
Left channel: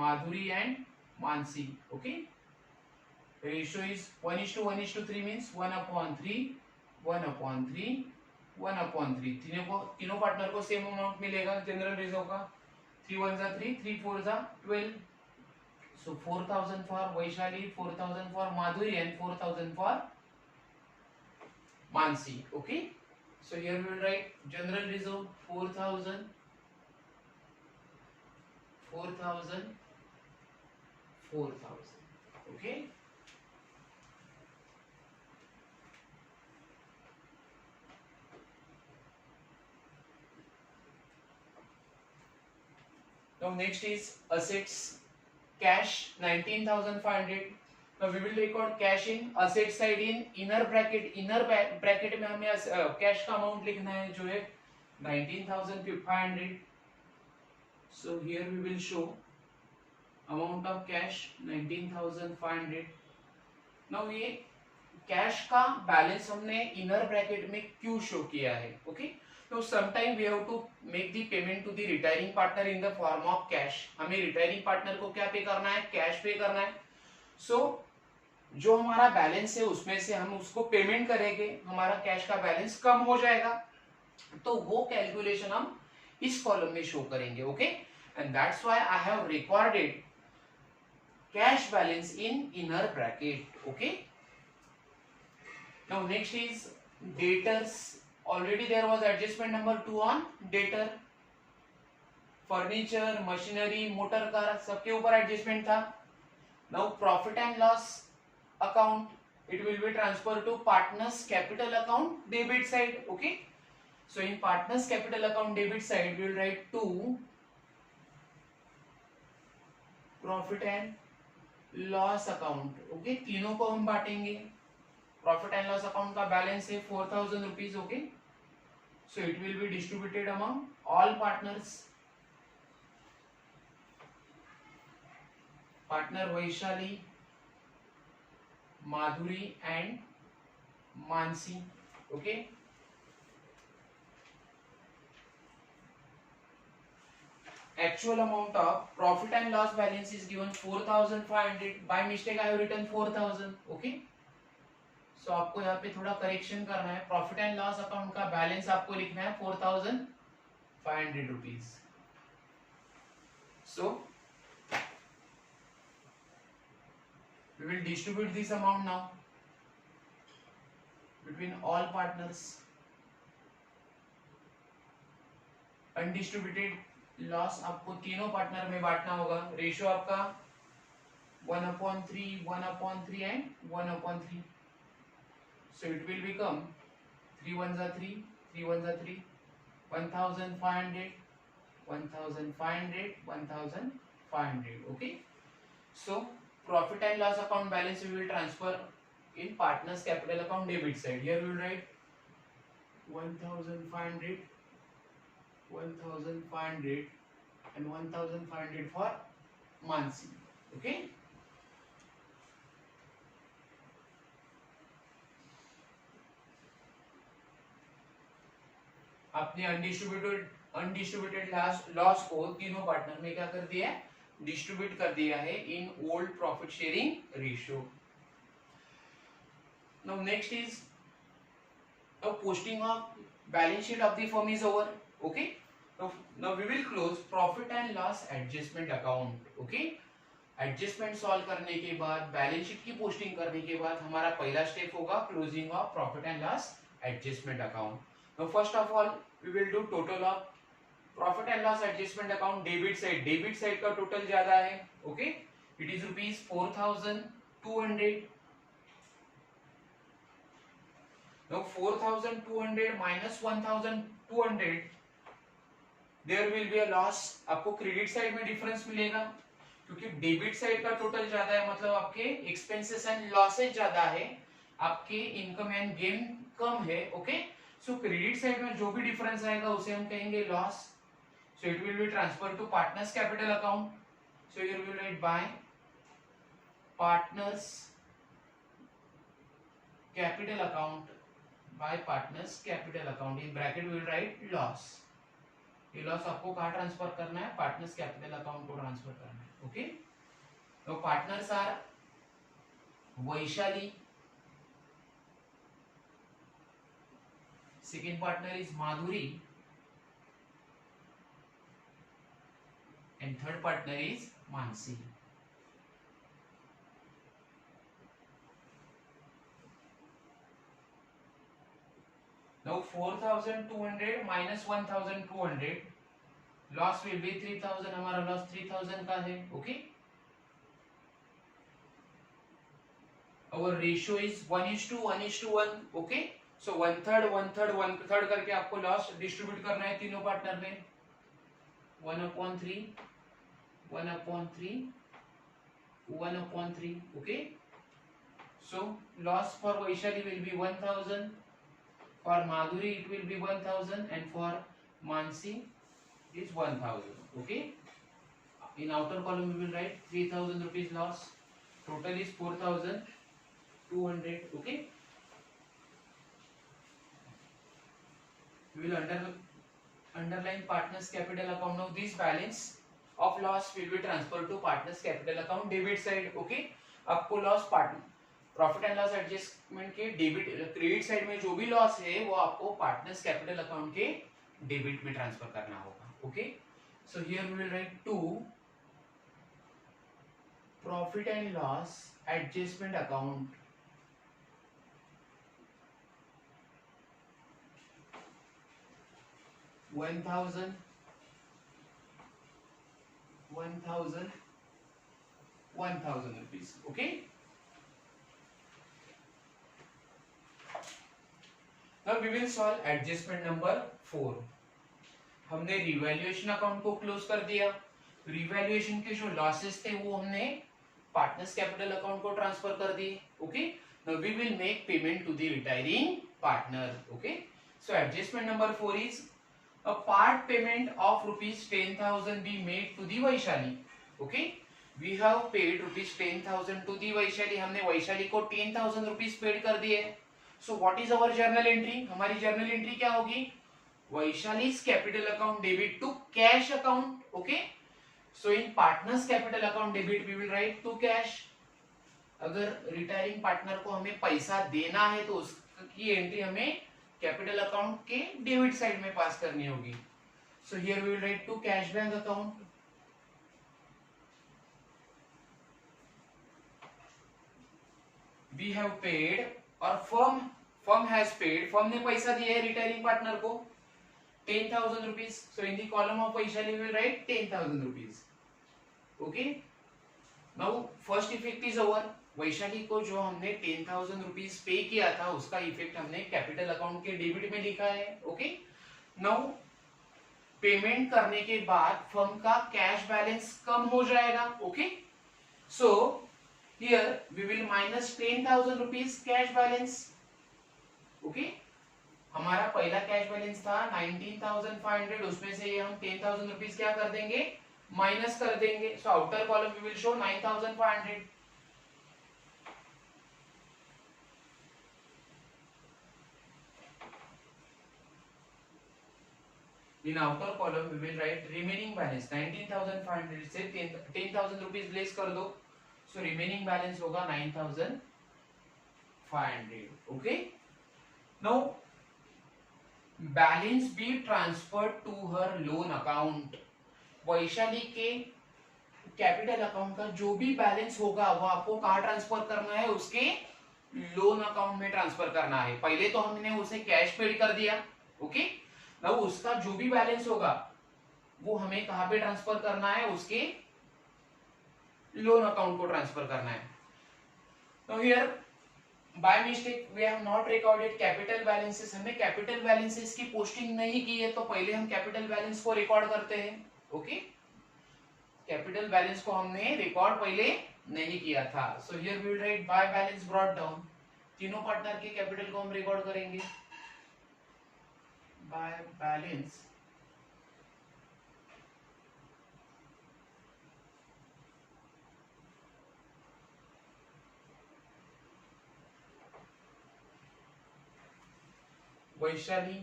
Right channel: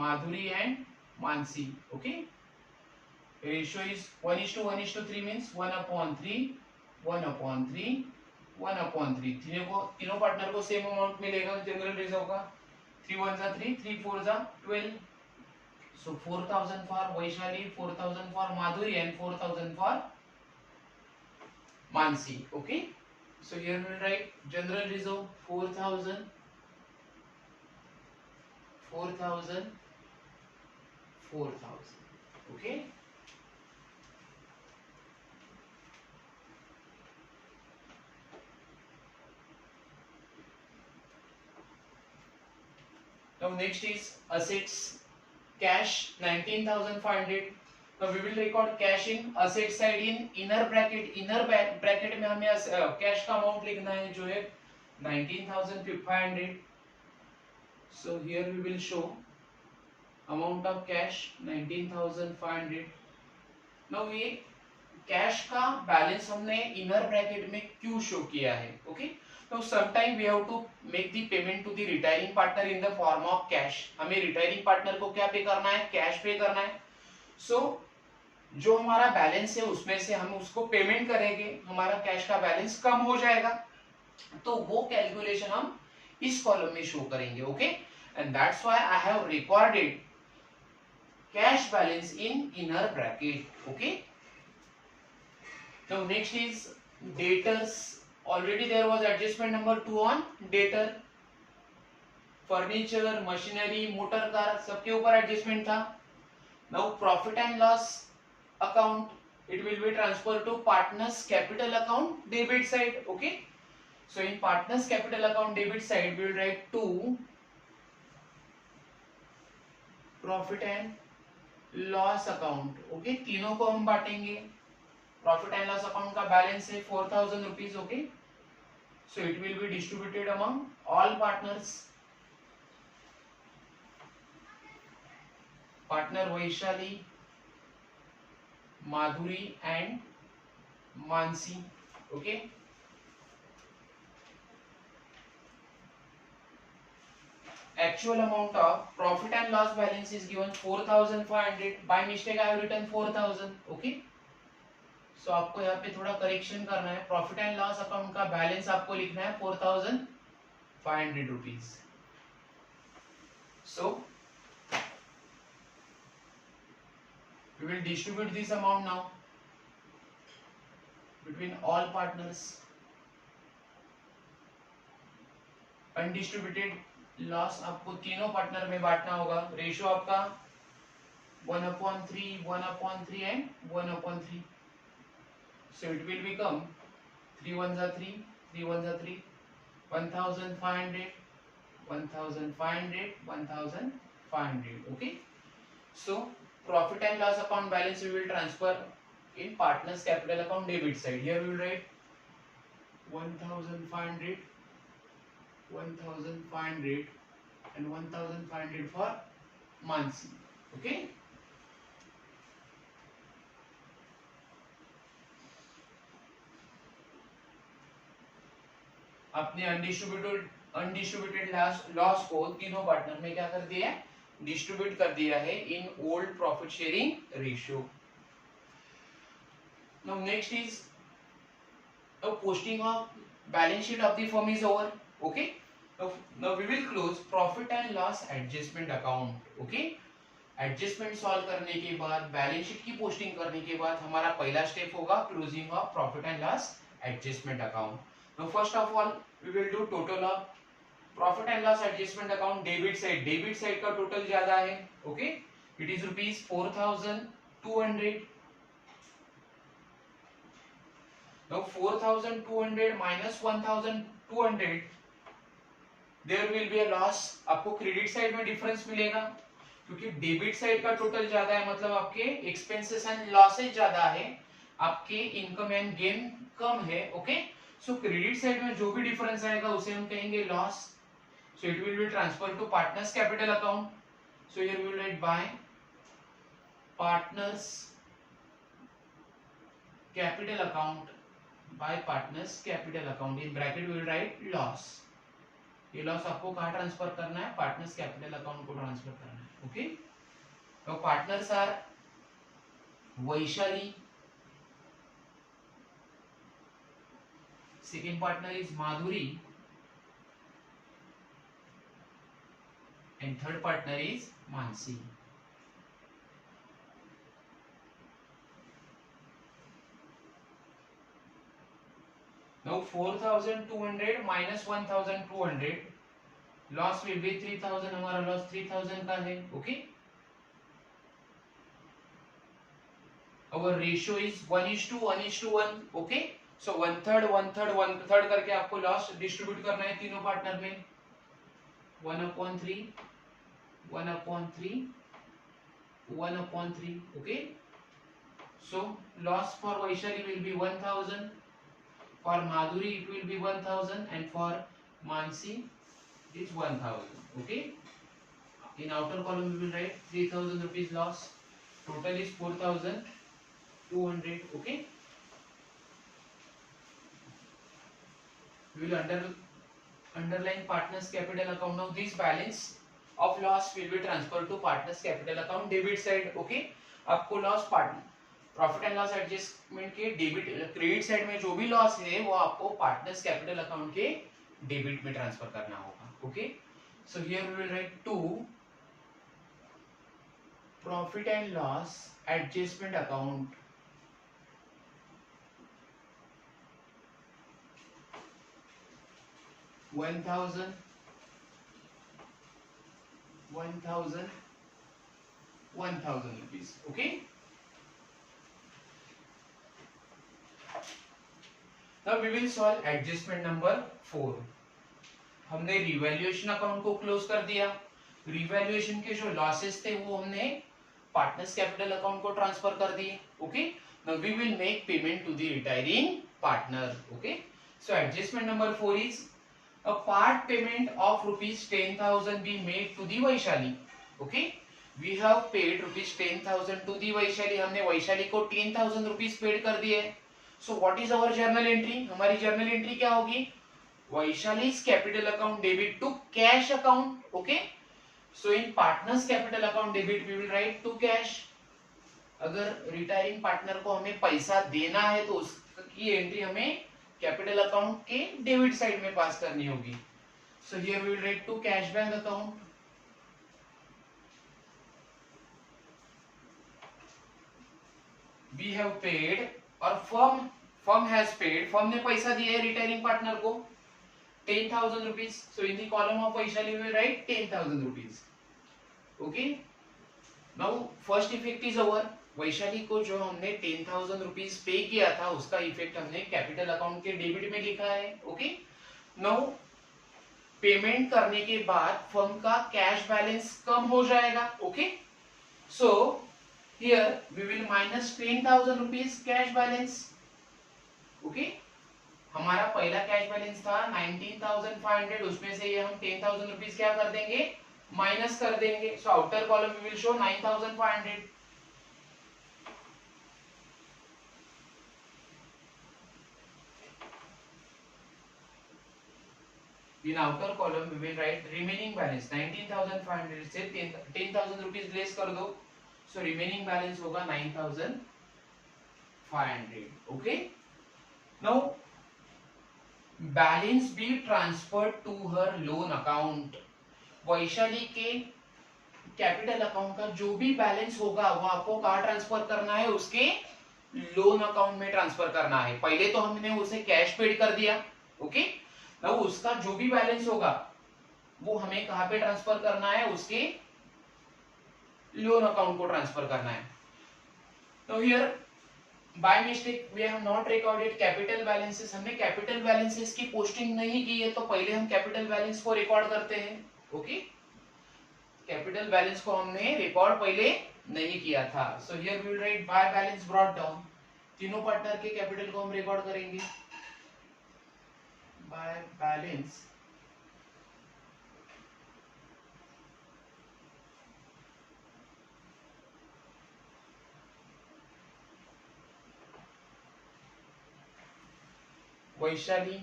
माधुरी एंड मानसी. Okay. Ratio is 1:1:3 means 1/3, 1/3, 1/3. तीनों पार्टनर को सेम अमाउंट मिलेगा जनरल रिजर्व का. 3 1 जा 3, 3 4 जा 12. So 4,000 for Vaishali, 4,000 for Madhuri and 4,000 for Mansi. Okay. So here we will write general reserve 4,000, 4,000, 4,000. Okay. Now next is assets. Cash 19,500. Now we will record cash in asset side in inner bracket. Inner bracket में हमें cash का amount लिखना है जो है 19,500. So here we will show amount of cash 19,500. Now ये cash का balance हमने inner bracket में क्यों show किया है? Okay. So sometime we have to make the payment to the retiring partner in the form of cash. हमें retiring partner को क्या पे करना है? Cash पे करना है. So जो हमारा बैलेंस है उसमें से हम उसको पेमेंट करेंगे, हमारा कैश का बैलेंस कम हो जाएगा. तो वो कैलकुलेशन हम इस कॉलम में शो करेंगे. Okay, and that's why I have recorded cash balance in inner bracket. Okay. Now next is debtors. Already there was adjustment number 2 on debtor. Furniture, machinery, motor car सबके ऊपर एडजस्टमेंट था. Now profit and loss account, it will be transferred to partners capital account debit side. Okay. So in partners capital account debit side we will write to profit and loss account. Okay. तीनों को हम बांटेंगे. Profit and loss account का बैलेंस है 4,000 rupees. Okay. So it will be distributed among all partners. Partner Vaishali, Madhuri and Mansi. Okay. Actual amount of profit and loss balance is given 4,500. By mistake I have written 4,000. Okay. So आपको यहाँ पे थोड़ा करेक्शन करना है. Profit and loss account का बैलेंस आपको लिखना है 4,500 rupees. So we will distribute this amount now between all partners. Undistributed loss आपको तीनों पार्टनर में बांटना होगा. रेशियो आपका 1/3, 1/3 एंड 1/3. So it will become 3 1 जा 3, 3 1 जा 3, 1,500, 1,500, 1,500. Okay. So profit and loss account balance we will transfer in partners capital account debit side. Here we will write 1,500, 1,500 and 1,500 for Mansi. Okay. अपने undistributed loss को तीनों पार्टनर में क्या कर दिया है, डिस्ट्रीब्यूट कर दिया है in old profit sharing ratio. Now next is a posting of balance sheet of the firm is over. Okay, now we will close profit and loss adjustment account. Okay, adjustment solve करने के बाद balance sheet की पोस्टिंग करने के बाद हमारा पहला step होगा closing of profit and loss adjustment account. Now first of all we will do total of profit and loss adjustment account. Debit side का टोटल ज्यादा है. Okay, it is rupees 4200. Now 4200 minus 1200, there will be a loss. आपको credit side में डिफरेंस मिलेगा क्योंकि debit side का total ज्यादा है, मतलब आपके एक्सपेंसेस एंड लॉसेस ज्यादा है, आपके इनकम एंड गेन कम है. ओके, सो क्रेडिट साइड में जो भी डिफरेंस आएगा उसे हम कहेंगे loss. So it will be transfer to partners capital account. So here we will write by partners capital account, by partners capital account. in bracket we will write loss. ये loss आपको कहाँ ट्रांसफर करना है, partners capital account को transfer करना है. Okay, तो partners are Vaishali, second partner is Madhuri, and third partner is Mansi. Now 4200 minus 1200, loss will be 3000. हमारा लॉस 3000 का है. Okay, our ratio is 1:1:1. Okay, so 1/3 करके आपको लॉस डिस्ट्रीब्यूट करना है तीनों पार्टनर में. 1/3 1/3 1/3. Okay, so loss for Vaishali will be 1000. For Madhuri it will be 1000 and for Mansi it is 1000. Okay, in outer column we will write 3000 rupees loss. Total is 4200. Okay, we will underline partners capital account. Now this balance of loss will be transferred to partners capital account debit side. Okay, आपको loss profit and loss adjustment के debit credit side में जो भी loss है वो आपको partners capital account के debit में ट्रांसफर करना होगा. Okay, so here we will write to profit and loss adjustment account. $1000 rupees. Okay, now we will solve adjustment number 4. हमने रिवैल्यूएशन अकाउंट को क्लोज कर दिया. रिवैल्यूएशन के जो लॉसेस थे वो हमने पार्टनर्स कैपिटल अकाउंट को ट्रांसफर कर दिए. Okay, now we will make payment to the retiring partner. Okay, so adjustment number 4 is a part payment of rupees 10,000 be made to the Vaishali. Okay, we have paid rupees 10,000 to the Vaishali. हमने वैशाली को 10,000 rupees paid कर दिए. So what is our journal entry? हमारी journal entry क्या होगी? Vaishali's capital account debit to cash account. Okay, so in partners capital account debit we will write to cash. अगर retiring partner को हमें पैसा देना है तो उसकी एंट्री हमें कैपिटल अकाउंट के डेबिट साइड में पास करनी होगी. So here we will write to cash bank account. We have paid और फर्म हैज पेड. फर्म ने पैसा दिया है रिटायरिंग पार्टनर को 10,000 rupees. So in the column of Vaishali we will write 10,000 rupees. Okay, now first effect is over. Vaishali को जो हमने 10,000 रुपीज पे किया था उसका इफेक्ट हमने कैपिटल अकाउंट के डेबिट में लिखा है. ओके, नाउ पेमेंट करने के बाद फर्म का कैश बैलेंस कम हो जाएगा. Okay, so here we will minus 10,000 rupees cash balance. Okay, हमारा पहला कैश बैलेंस था 19,500, उसमें से ये हम 10,000 रुपीज क्या कर देंगे, माइनस कर देंगे. So outer column we will show 9,500. In outer column we will write remaining balance 19,500 से 10,000 रुपीज लेस कर दो, so remaining balance होगा 9,500. Okay. Now balance be transferred to her loan account. Vaishali के कैपिटल अकाउंट का जो भी बैलेंस होगा वो आपको कहाँ ट्रांसफर करना है, उसके लोन अकाउंट में ट्रांसफर करना है. पहले तो हमने उसे कैश पेड कर दिया. ओके. नाउ उसका जो भी बैलेंस होगा वो हमें कहाँ पे ट्रांसफर करना है, उसके लोन अकाउंट को ट्रांसफर करना है. Now here by mistake we have not recorded capital balances. हमने कैपिटल बैलेंसेस की पोस्टिंग नहीं की है, तो पहले हम कैपिटल बैलेंस को रिकॉर्ड करते हैं. ओके. कैपिटल बैलेंस को हमने रिकॉर्ड पहले नहीं किया था. So here we will write by balance brought down. तीनों पार्टनर के कैपिटल को हम रिकॉर्ड करेंगे. By balance Vaishali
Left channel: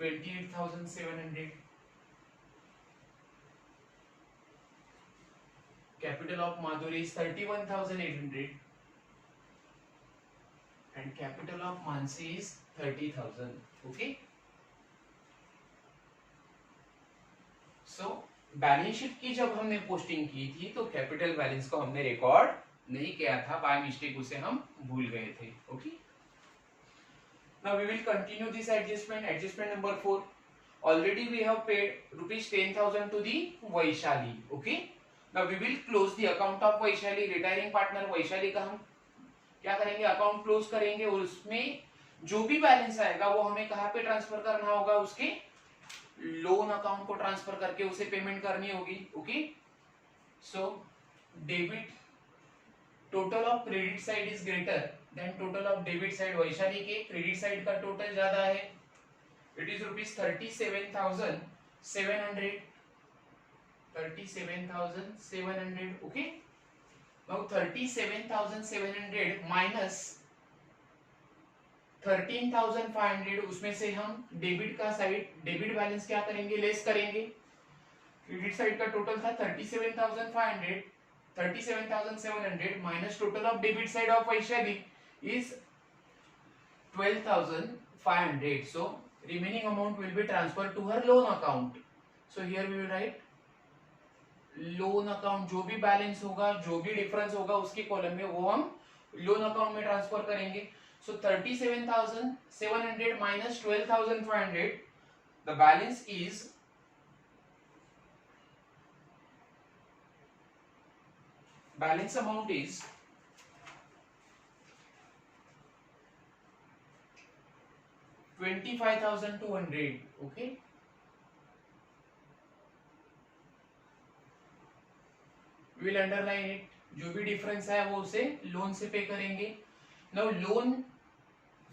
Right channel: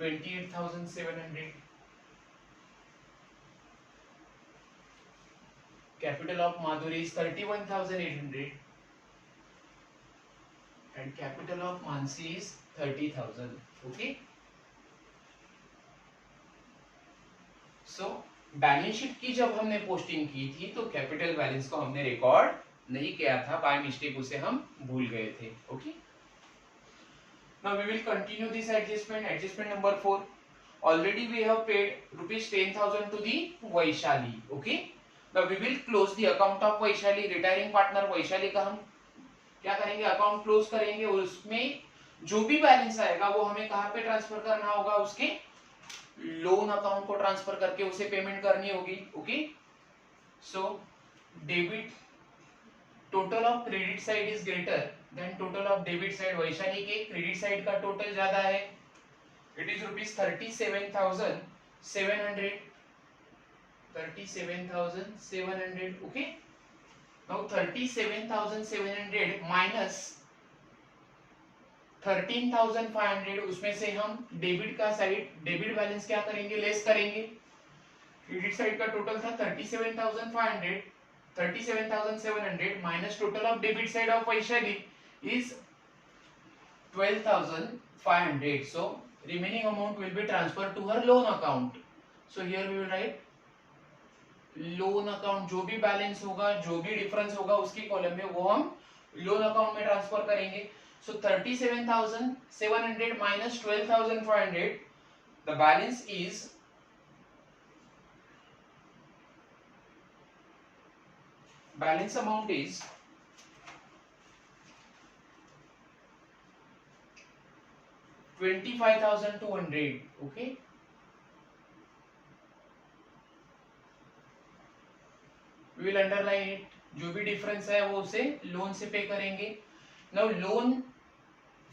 28,700, capital of Madhuri is 31,800 and capital of Mansi is 30,000. Okay. So balance sheet की जब हमने पोस्टिंग की थी तो कैपिटल बैलेंस को हमने रिकॉर्ड नहीं किया था, बाय मिस्टेक उसे हम भूल गए थे. Okay. Now we will continue this adjustment. Adjustment number 4. Already we have paid rupees 10,000 to the Vaishali. Okay. Now we will close the account of Vaishali. Retiring partner Vaishali का हम क्या करेंगे, account close करेंगे. उसमें जो भी बैलेंस आएगा वो हमें कहाँ पे ट्रांसफर करना होगा, उसके लोन अकाउंट को ट्रांसफर करके उसे पेमेंट करनी होगी. Okay. So debit total of credit side is greater than total of debit side. Vaishali के क्रेडिट साइड का टोटल ज्यादा है. It is rupees 37,700. 37,700. Okay. Now 37,700 माइनस 13,500, उसमें से हम डेबिट का साइड, डेबिट बैलेंस क्या करेंगे, लेस करेंगे. क्रेडिट साइड का टोटल था 37,500. 37,700 minus total of debit side of Vaishali is 12,500. So remaining amount will be transferred to her loan account. So here we will write loan account. जो भी बैलेंस होगा, जो भी डिफरेंस होगा उसके कॉलम में वो हम लोन अकाउंट में ट्रांसफर करेंगे. So 37,700 minus 12,500, the balance is balance amount is 25,200. Okay. We will underline it. जो भी डिफरेंस है वो उसे लोन से पे करेंगे. नाउ लोन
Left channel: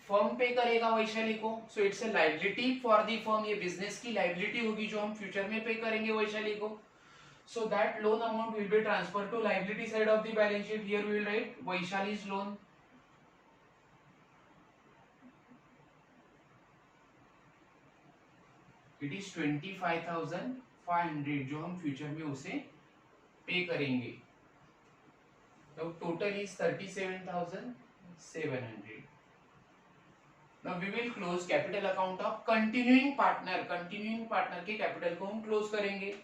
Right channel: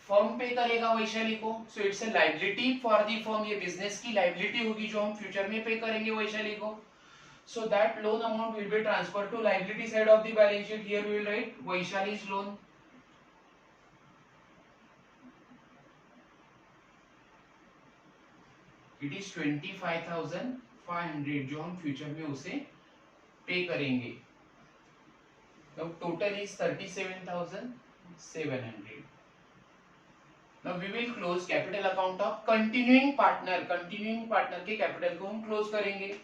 फर्म पे करेगा वैशाली को, so it's a liability for the firm. ये बिजनेस की लायबिलिटी होगी जो हम फ्यूचर में पे करेंगे वैशाली को. So that loan amount will be transferred to liability side of the balance sheet. Here we will write Vaishali's loan. It is 25,500 जो हम फ्यूचर में उसे पे करेंगे. Now total is 37,700. Now we will close capital account of continuing partner. Continuing partner के capital को हम क्लोज करेंगे.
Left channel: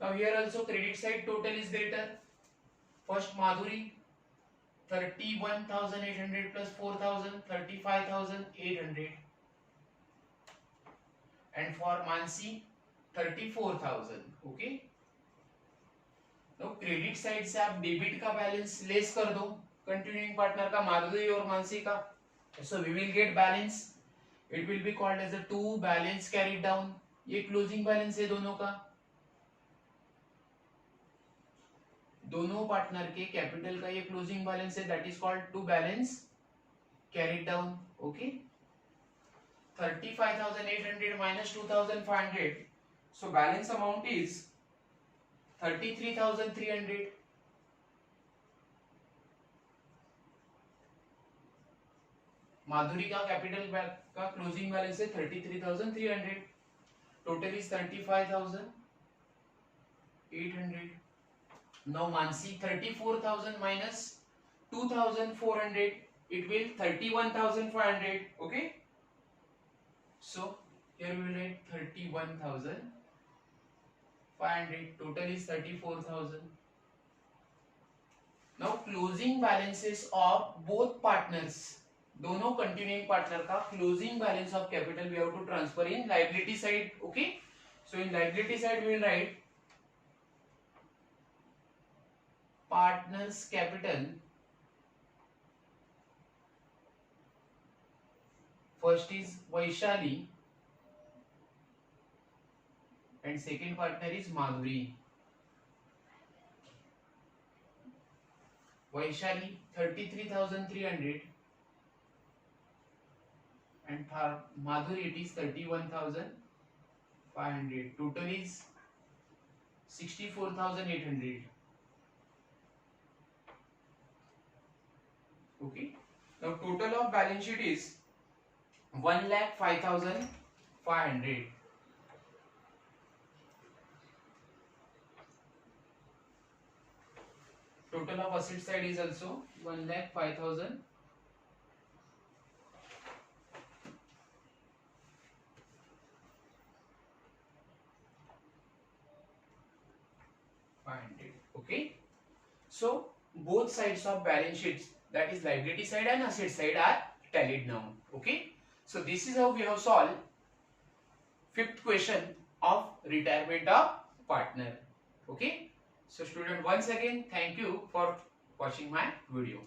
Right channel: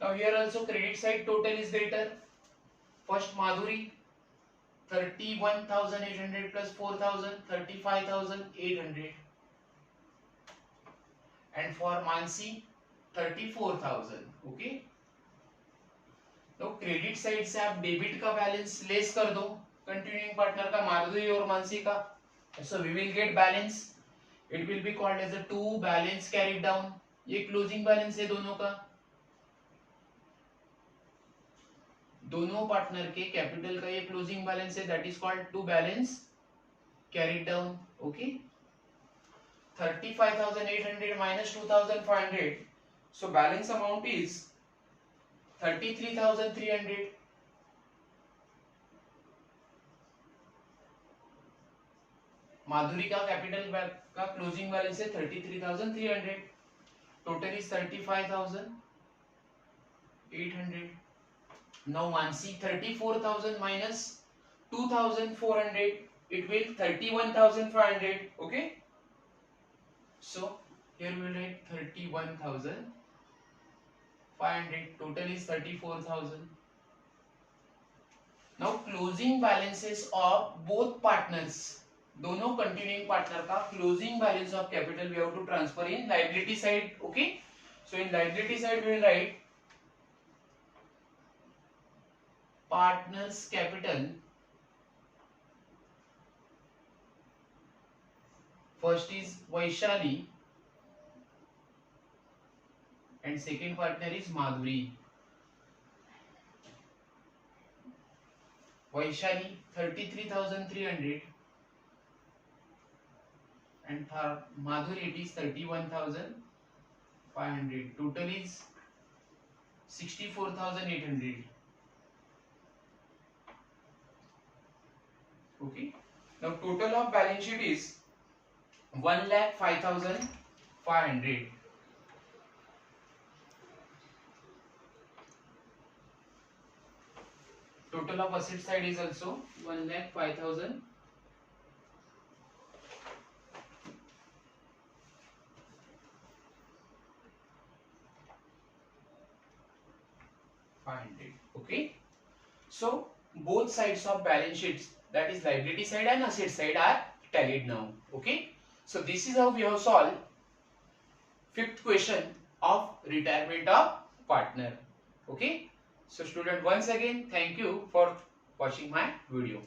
Now here also credit side total is greater. First Madhuri 31,800 plus 4,000, 35,800. And for Mansi 34,000. Okay. Now credit side से आप डेबिट का balance less कर दो, continuing partner का, माधुरी और मानसी का. So we will get balance. It will be called as a two balance carried down. ये closing balance है दोनों का. दोनों पार्टनर के कैपिटल का ये क्लोजिंग बैलेंस है, that is called to balance carried down. Okay. 35,800 minus 2,500, so balance amount is 33,300. Madhuri का कैपिटल का क्लोजिंग बैलेंस है 33,300. Total is 35,800. Now Mansi, 34,000 minus 2,400, it will 31,500. Okay, so here we will write 31,500. Total is 34,000. Now closing balances of both partners, दोनों continuing partner का closing balance of capital we have to transfer in liability side. Okay, so in liability side we will write partners capital. First is Vaishali and second partner is Madhuri. Vaishali 33,300 and for Madhuri it is 31,500. Total is 64,800. Okay. Now total of balance sheet is 1,05,500. Total of asset side is also 1,05,500. Okay. So both sides of balance sheets, that is liability side and asset side, are tallied now. Okay. So this is how we have solved fifth question of retirement of partner. Okay. So student, once again thank you for watching my video.